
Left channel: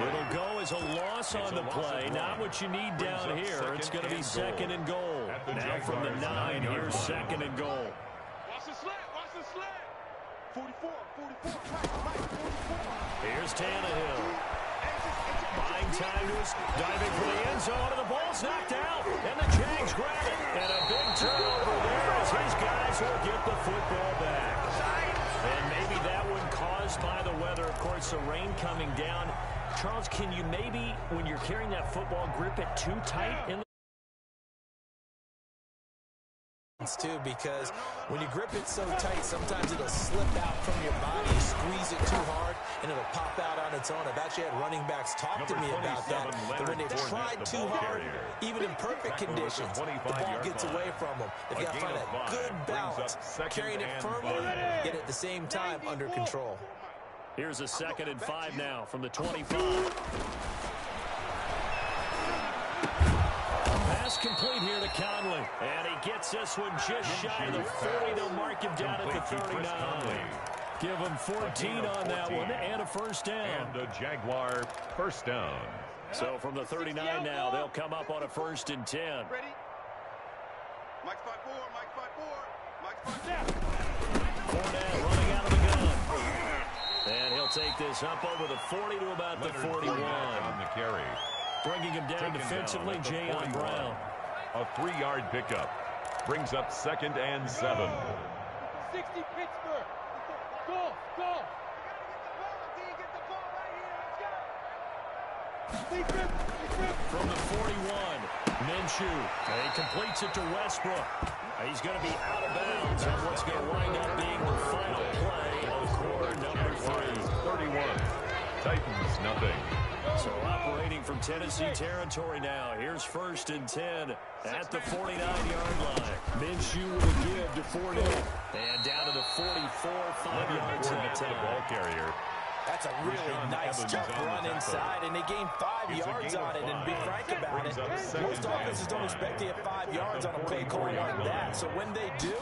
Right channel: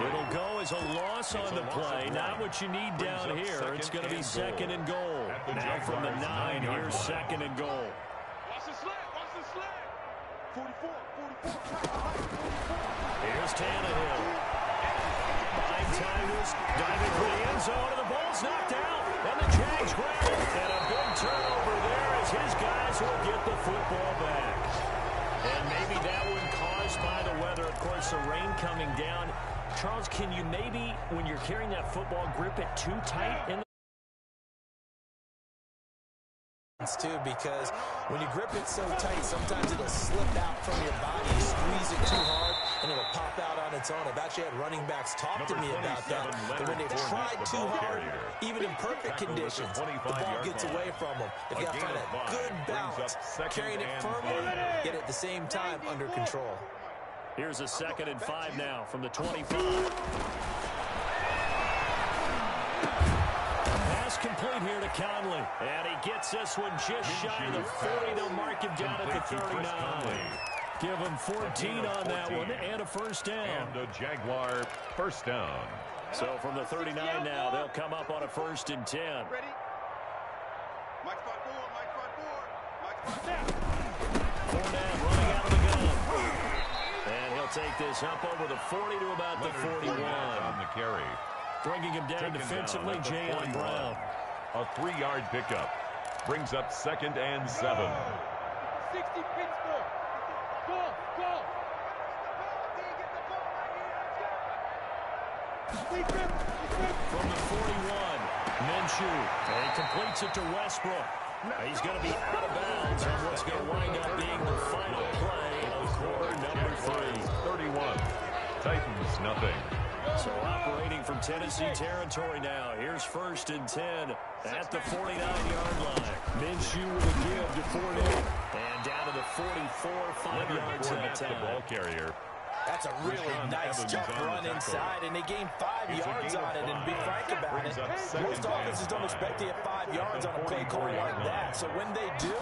It'll go as a loss on the play. Not what you need down here. It's going to be 2nd and goal. Now from the 9, here's 2nd and goal. Watch the sled, watch the sled. 44, 44. Right, 44. Here's Tannehill. Buying time to his diving for the end zone, and the ball's knocked out, and the Jags grab it, and a big turnover there as his guys will get the football back. And maybe that one caused by the weather, of course, the rain coming down. Charles, can you maybe, when you're carrying that football, grip it too tight in the too, because when you grip it so tight, sometimes it'll slip out from your body. You squeeze it too hard, and it'll pop out on its own. I've actually had running backs talk to me about that. That when they've tried too hard, even in perfect conditions, the ball gets away from them. They've got to find a good balance, carrying it firmly, yet at the same time under control. Here's a 2nd and 5 now from the 25. Pass complete here to Conley. And he gets this one just shy of the 40. They'll mark him down at the 39. Give him 14 on that one and a first down. And a Jaguar first down. So from the 39 now, they'll come up on a 1st and 10. Ready? Mike's 5-4, Mike's 5-4, Mike's 5-4. Fournette running out of the gun. And he'll take this up over the 40 to about the 41. On the carry. Bringing him down defensively, Jaylen Brown. A 3-yard pickup. Brings up 2nd and 7. 60 Pittsburgh. Go, go. From the 41, Minshew. He completes it to Westbrook. He's going to be out of bounds on what's going to wind up being the final play of quarter number 3. 31. Titans nothing. So operating from Tennessee territory now. Here's 1st and 10 at the 49-yard line. Minshew with a give to Fournette. And down to the 44, 5 yards in the ball carrier. That's a really nice, tough run inside, and they gained 5 yards on it. And to be frank about it, most offenses don't expect to get 5 yards on a play call like that. So when they do,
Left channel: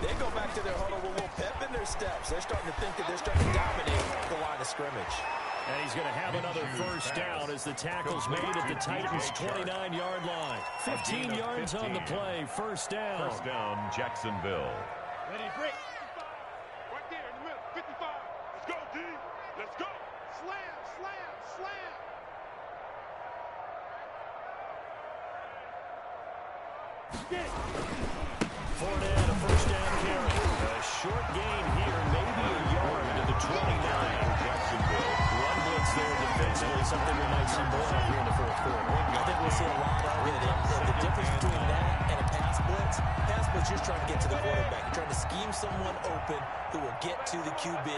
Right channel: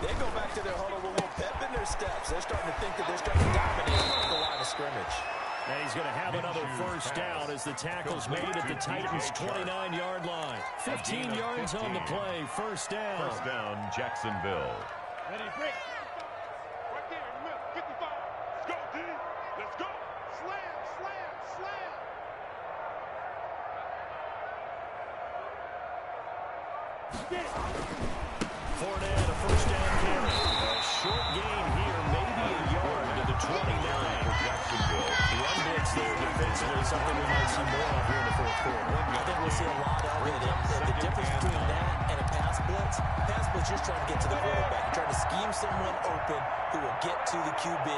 they go back to their huddle with a little pep in their steps. They're starting to think that they're starting to dominate the line of scrimmage. And he's going to have another first down as the tackle's made at the Titans' 29-yard line. 15 yards on the play, first down. First down, Jacksonville. Ready, break. Right there in the middle, 55. Let's go, D. Let's go. Slam, slam, slam. Fournette, a first down carry. A short gain here, maybe a yard to the 29. Jacksonville. Run blitz there defensively, something we might see more of here in the fourth quarter. I think we'll see a lot of it. And the difference between that and a pass blitz just trying to get to the quarterback. You're trying to scheme someone open who will get to the QB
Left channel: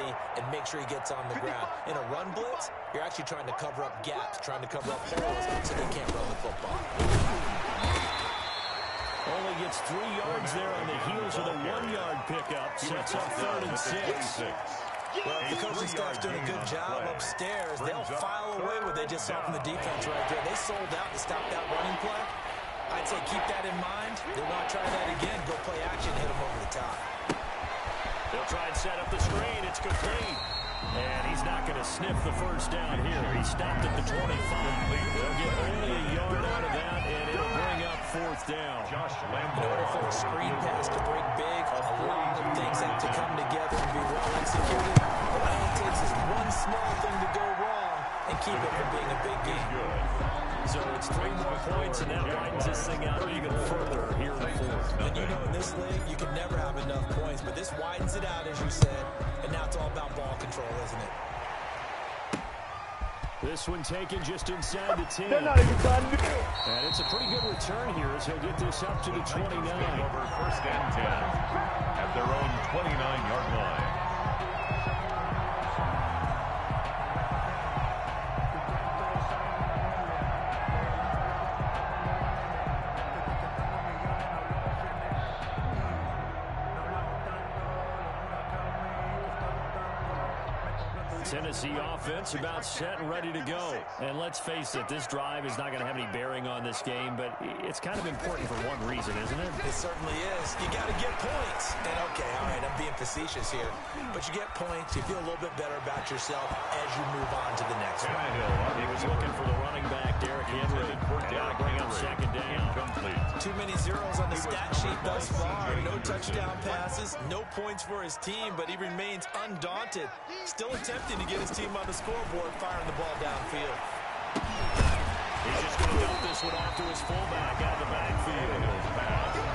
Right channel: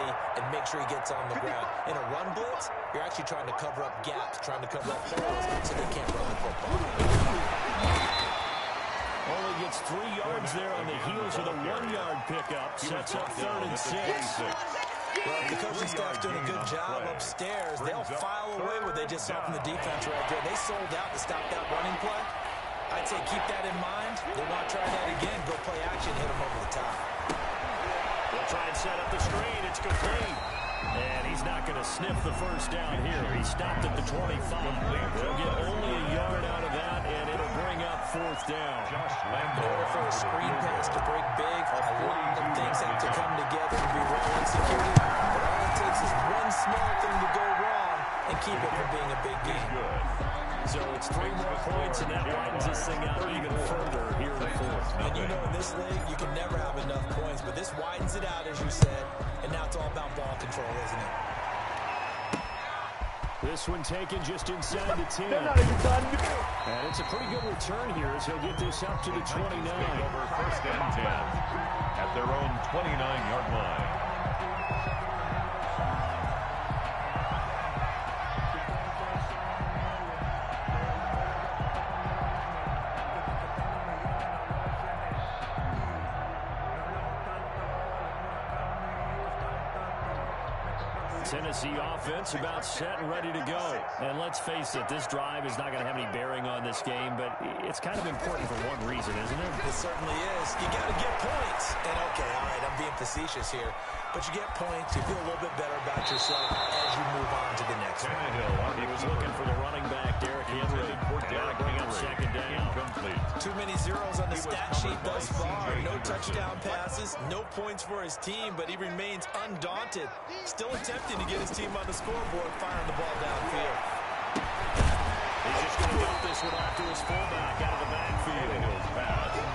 and make sure he gets on the ground. In a run blitz, you're actually trying to cover up gaps, trying to cover up holes so they can't run the football. Only gets 3 yards there on the heels of the 1-yard pickup. Sets up 3rd and 6. Well, if the coaching staff's doing a good job upstairs, they'll file away what they just saw from the defense right there. They sold out to stop that running play. I'd say keep that in mind. They want to try that again. Go play action, hit them over the top. They'll try and set up the screen. It's complete. And he's not going to sniff the first down here. He stopped at the 25. They'll get only a yard out of that, and it'll bring up 4th down. In order for a screen pass to break big, a lot of things have to come together and be well executed. But all it takes is one small thing to go wrong and keep it from being a big game. So it's 3 more points, and that widens this thing out even further here in the fourth. And you know, in this league, you can never have enough points, but this widens it out, as you said, and now it's all about ball control, isn't it? This one taken just inside the 10. And it's a pretty good return here as he'll get this up to the 29. Over 1st and 10 at their own 29-yard line. Tennessee offense about set and ready to go. And let's face it, this drive is not going to have any bearing on this game, but it's kind of important for one reason, isn't it? It certainly is. You got to get points. And, okay, all right, I'm being facetious here, but you get points, you feel a little bit better about yourself as you move on to the next one. He was looking for the running back, Derrick Henry. Got to bring up 2nd down. Too many zeros on the stat sheet thus far. No touchdown passes, no points for his team, but he remains undaunted. Still attempting to get his team on the scoreboard, firing the ball downfield. He's just going to dump this one off to his fullback out of the backfield.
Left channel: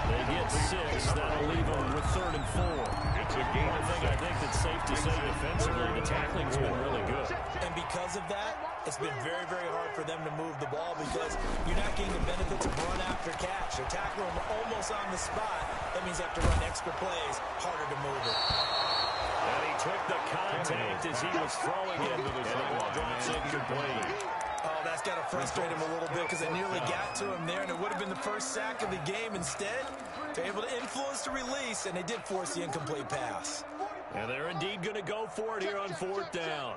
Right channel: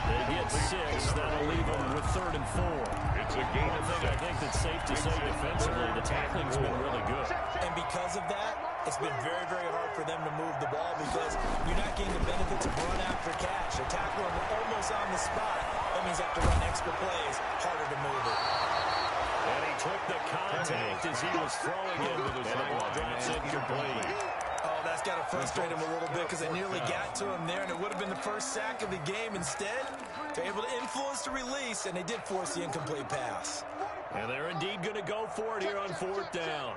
They get 6. That'll leave them with 3rd and 4. It's a game. One thing I think that's safe to say defensively, the tackling's been really good. And because of that, it's been very, very hard for them to move the ball because you're not getting the benefits of run after catch. They're tackling them almost on the spot. That means they have to run extra plays, harder to move it. And he took the contact as he was throwing it, and the ball drops incomplete. Oh, that's got to frustrate him a little bit because they nearly got to him there, and it would have been the first sack of the game. Instead, they're able to influence the release, and they did force the incomplete pass. And they're indeed going to go for it here on 4th down.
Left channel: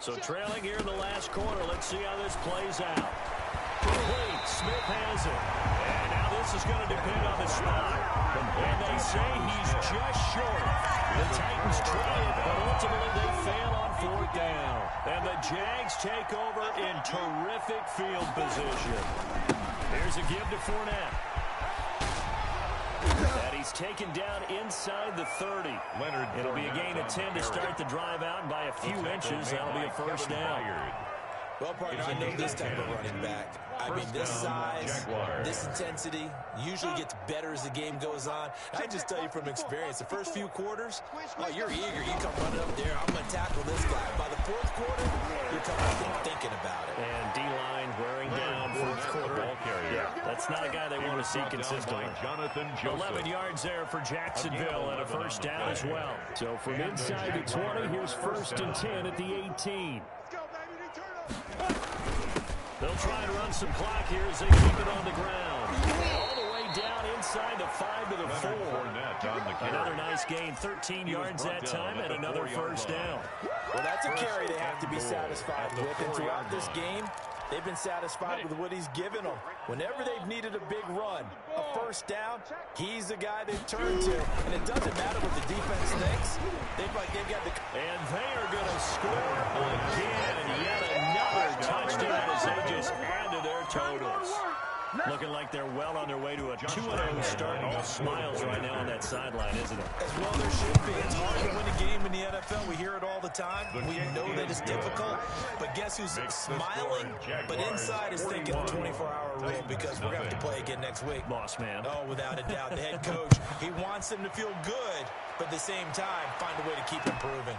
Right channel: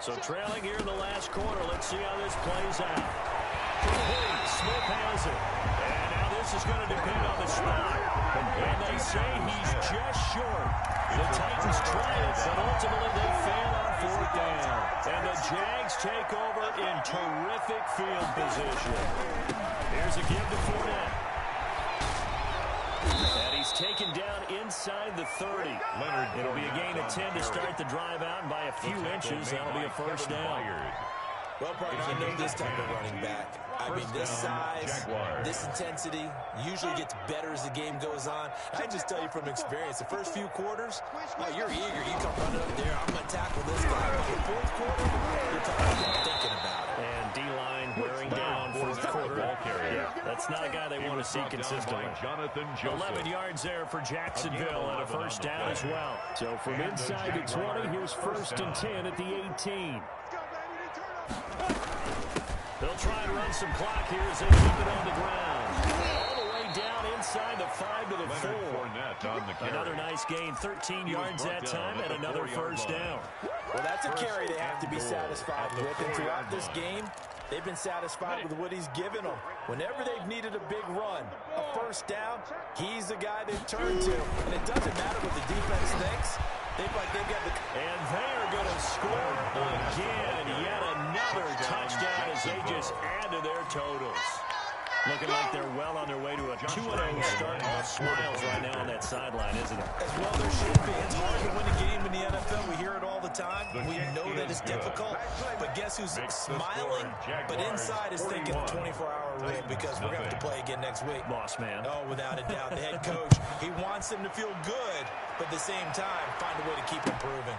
So trailing here in the last quarter, let's see how this plays out. Complete. Smith has it. And now this is going to depend on the spot. And they say he's just short. The Titans try it, but ultimately they fail on 4th down. And the Jags take over in terrific field position. Here's a give to Fournette. And he's taken down inside the 30. It'll be a gain of 10 to start the drive out, and by a few inches, that'll be a first down. Well, partner, I know this type of running back. I mean, this size, this intensity usually gets better as the game goes on. I just tell you from experience, the first few quarters, oh, you're eager. You come running up there, I'm going to tackle this guy. By the 4th quarter, you're coming up and thinking about it. And D-line wearing down 4th quarter. Yeah, that's not a guy they want to see consistently. 11 yards there for Jacksonville and a first down as well. So from inside the 20, here's 1st and 10 at the 18. They'll try and run some clock here as they keep it on the ground. All the way down inside the 5 to the 4. Another nice gain, 13 yards that time, and another first down. Well, that's a carry they have to be satisfied with, and throughout this game, they've been satisfied with what he's given them. Whenever they've needed a big run, a first down, he's the guy they've turned to. And it doesn't matter what the defense thinks. They've got the... And they are going to score again. Yet another touchdown as they just add to their totals. Looking like they're well on their way to a 2-0 start. All smiles right now on that sideline, isn't it? As well there should be. It's hard to win a game in the NFL. We hear it all the time. We know that it's difficult. But guess who's smiling, but inside is thinking the 24-hour rule, because we're going to have to play again next week. Boss man. Oh, without a doubt. The head coach, he wants them to feel good, but at the same time, find a way to keep improving.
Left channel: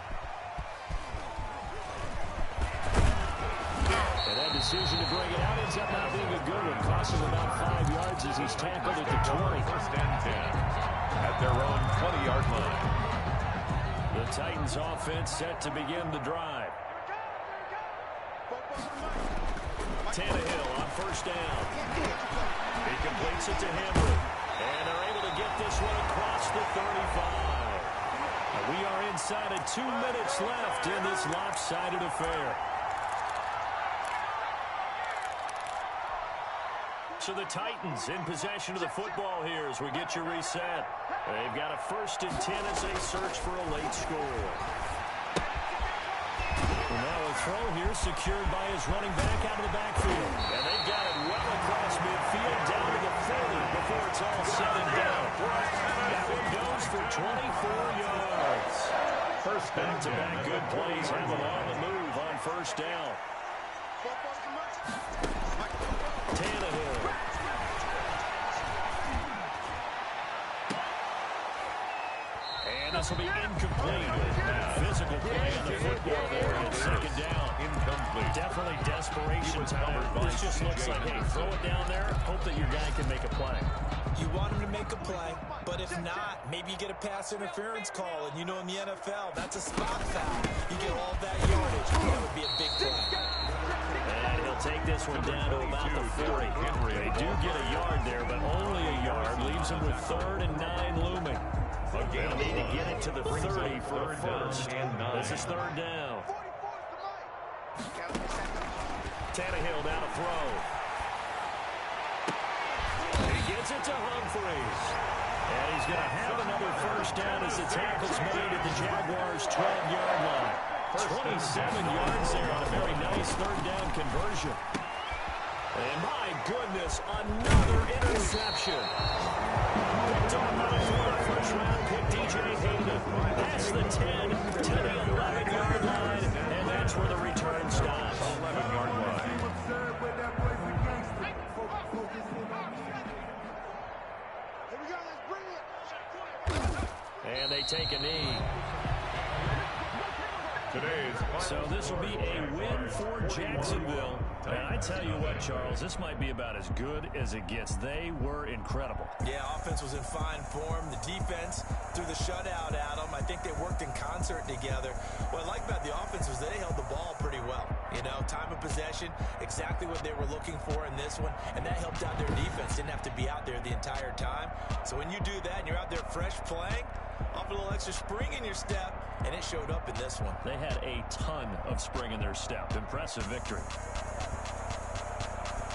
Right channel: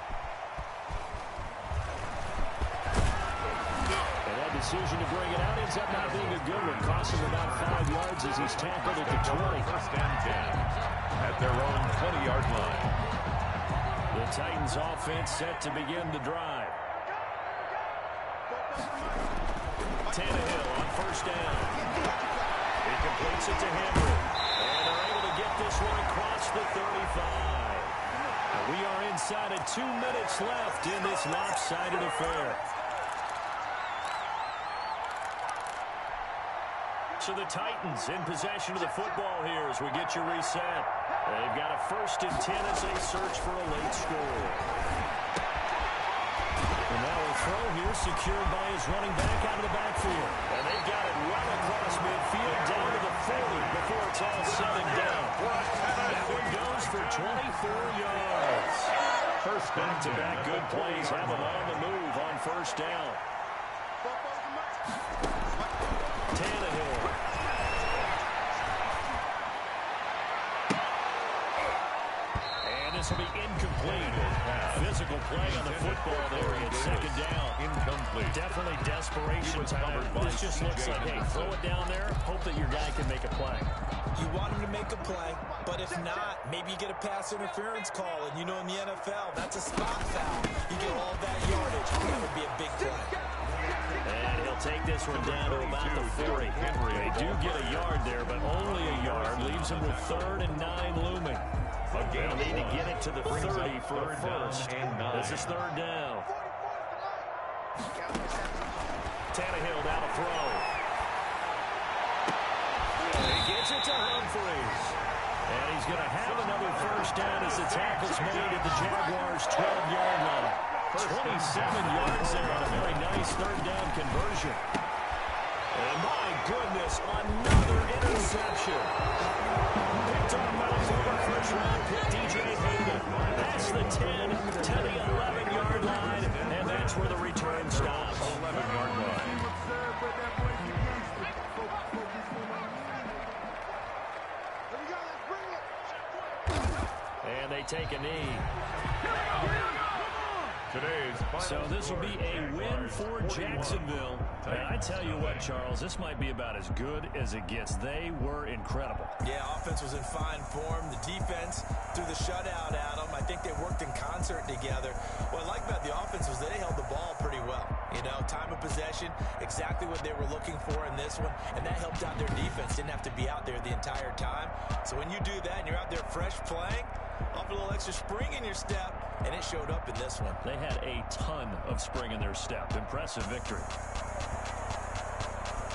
And that decision to bring it out ends up not being a good one. Cost him about 5 yards as he's tackled at the 20. First and 10 at their own 20-yard line. The Titans offense set to begin the drive. Tannehill on first down. He completes it to Henry. And they're able to get this one across the 35. We are inside of 2 minutes left in this lopsided affair. So the Titans in possession of the football here as we get you reset. They've got a 1st and 10 as they search for a late score. And now a throw here secured by his running back out of the backfield. And they've got it well across midfield down to the 40 before it's all said and done. That one goes for 24 yards. Back-to-back good plays have them on the move on first down. Tannehill. And this will be incomplete. Physical play on the football there at 2nd down. Incomplete. Definitely desperation time. This just looks like, hey, throw it down there, hope that your guy can make a play. You want him to make a play, but if not, maybe you get a pass interference call, and you know in the NFL, that's a spot foul. You get all that yardage. That would be a big play. And he'll take this one down to about the 40. They do get a yard there, but only a yard. Leaves him with 3rd and 9 looming. They'll need to get it to the 30 for a first. This is 3rd down. Tannehill down to throw. He gets it to Humphries. And he's going to have another first down as the tackle's made at the Jaguars' 12-yard line. 27 yards there on a very nice 3rd down conversion. And my goodness, another interception. Picked off by the former first-round pick, DJ Hayden. That's the 10 to the 11-yard line, and that's where the return stops. 11-yard line. And they take a knee. So this will be a win for Jacksonville. And I tell you what, Charles, this might be about as good as it gets. They were incredible. Yeah, offense was in fine form. The defense threw the shutout at them. I think they worked in concert together. What I like about the offense was they held the ball pretty well. You know, time of possession, exactly what they were looking for in this one, and that helped out their defense. Didn't have to be out there the entire time. So when you do that and you're out there fresh playing, off a little extra spring in your step, and it showed up in this one. They had a ton of spring in their step. Impressive victory.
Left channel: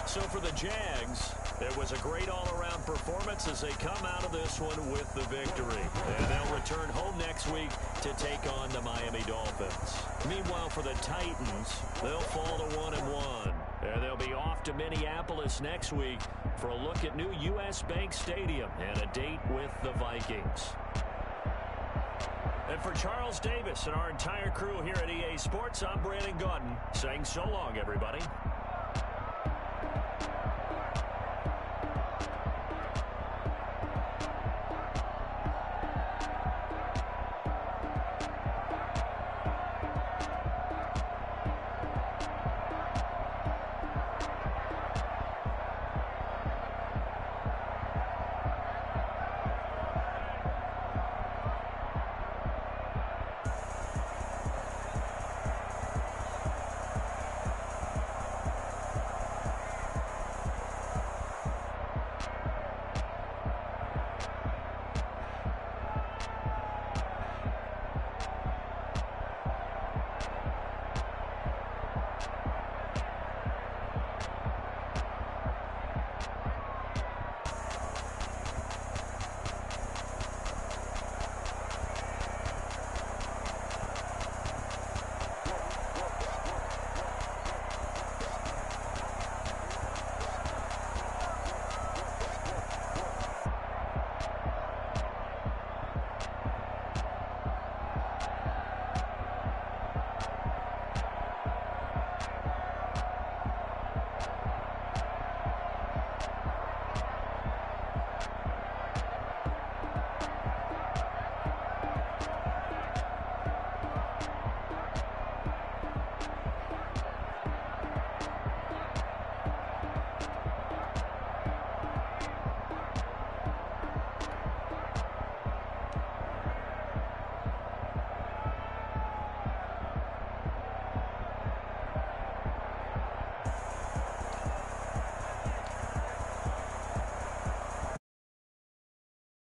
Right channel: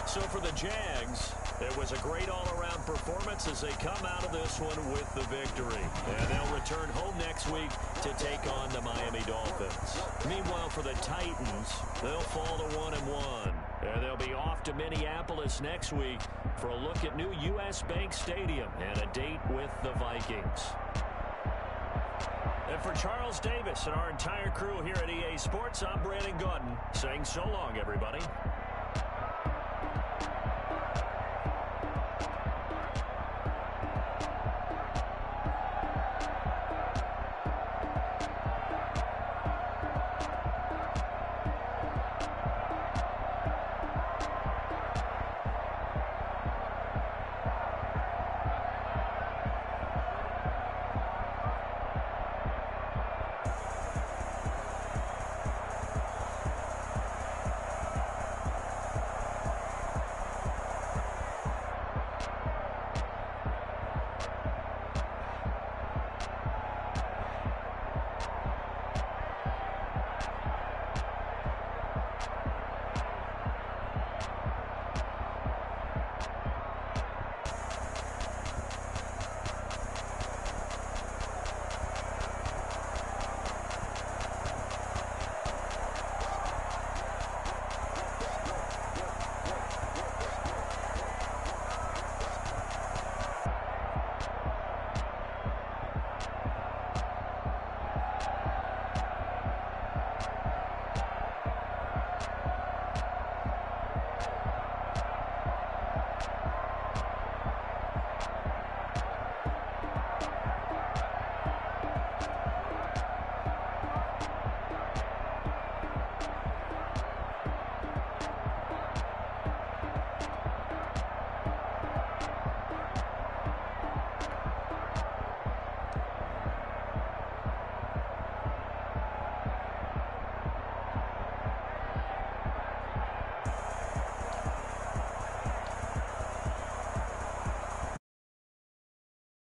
So for the Jags, it was a great all-around performance as they come out of this one with the victory. And they'll return home next week to take on the Miami Dolphins. Meanwhile, for the Titans, they'll fall to 1-1. And they'll be off to Minneapolis next week for a look at new U.S. Bank Stadium and a date with the Vikings. And for Charles Davis and our entire crew here at EA Sports, I'm Brandon Gaudin saying so long, everybody.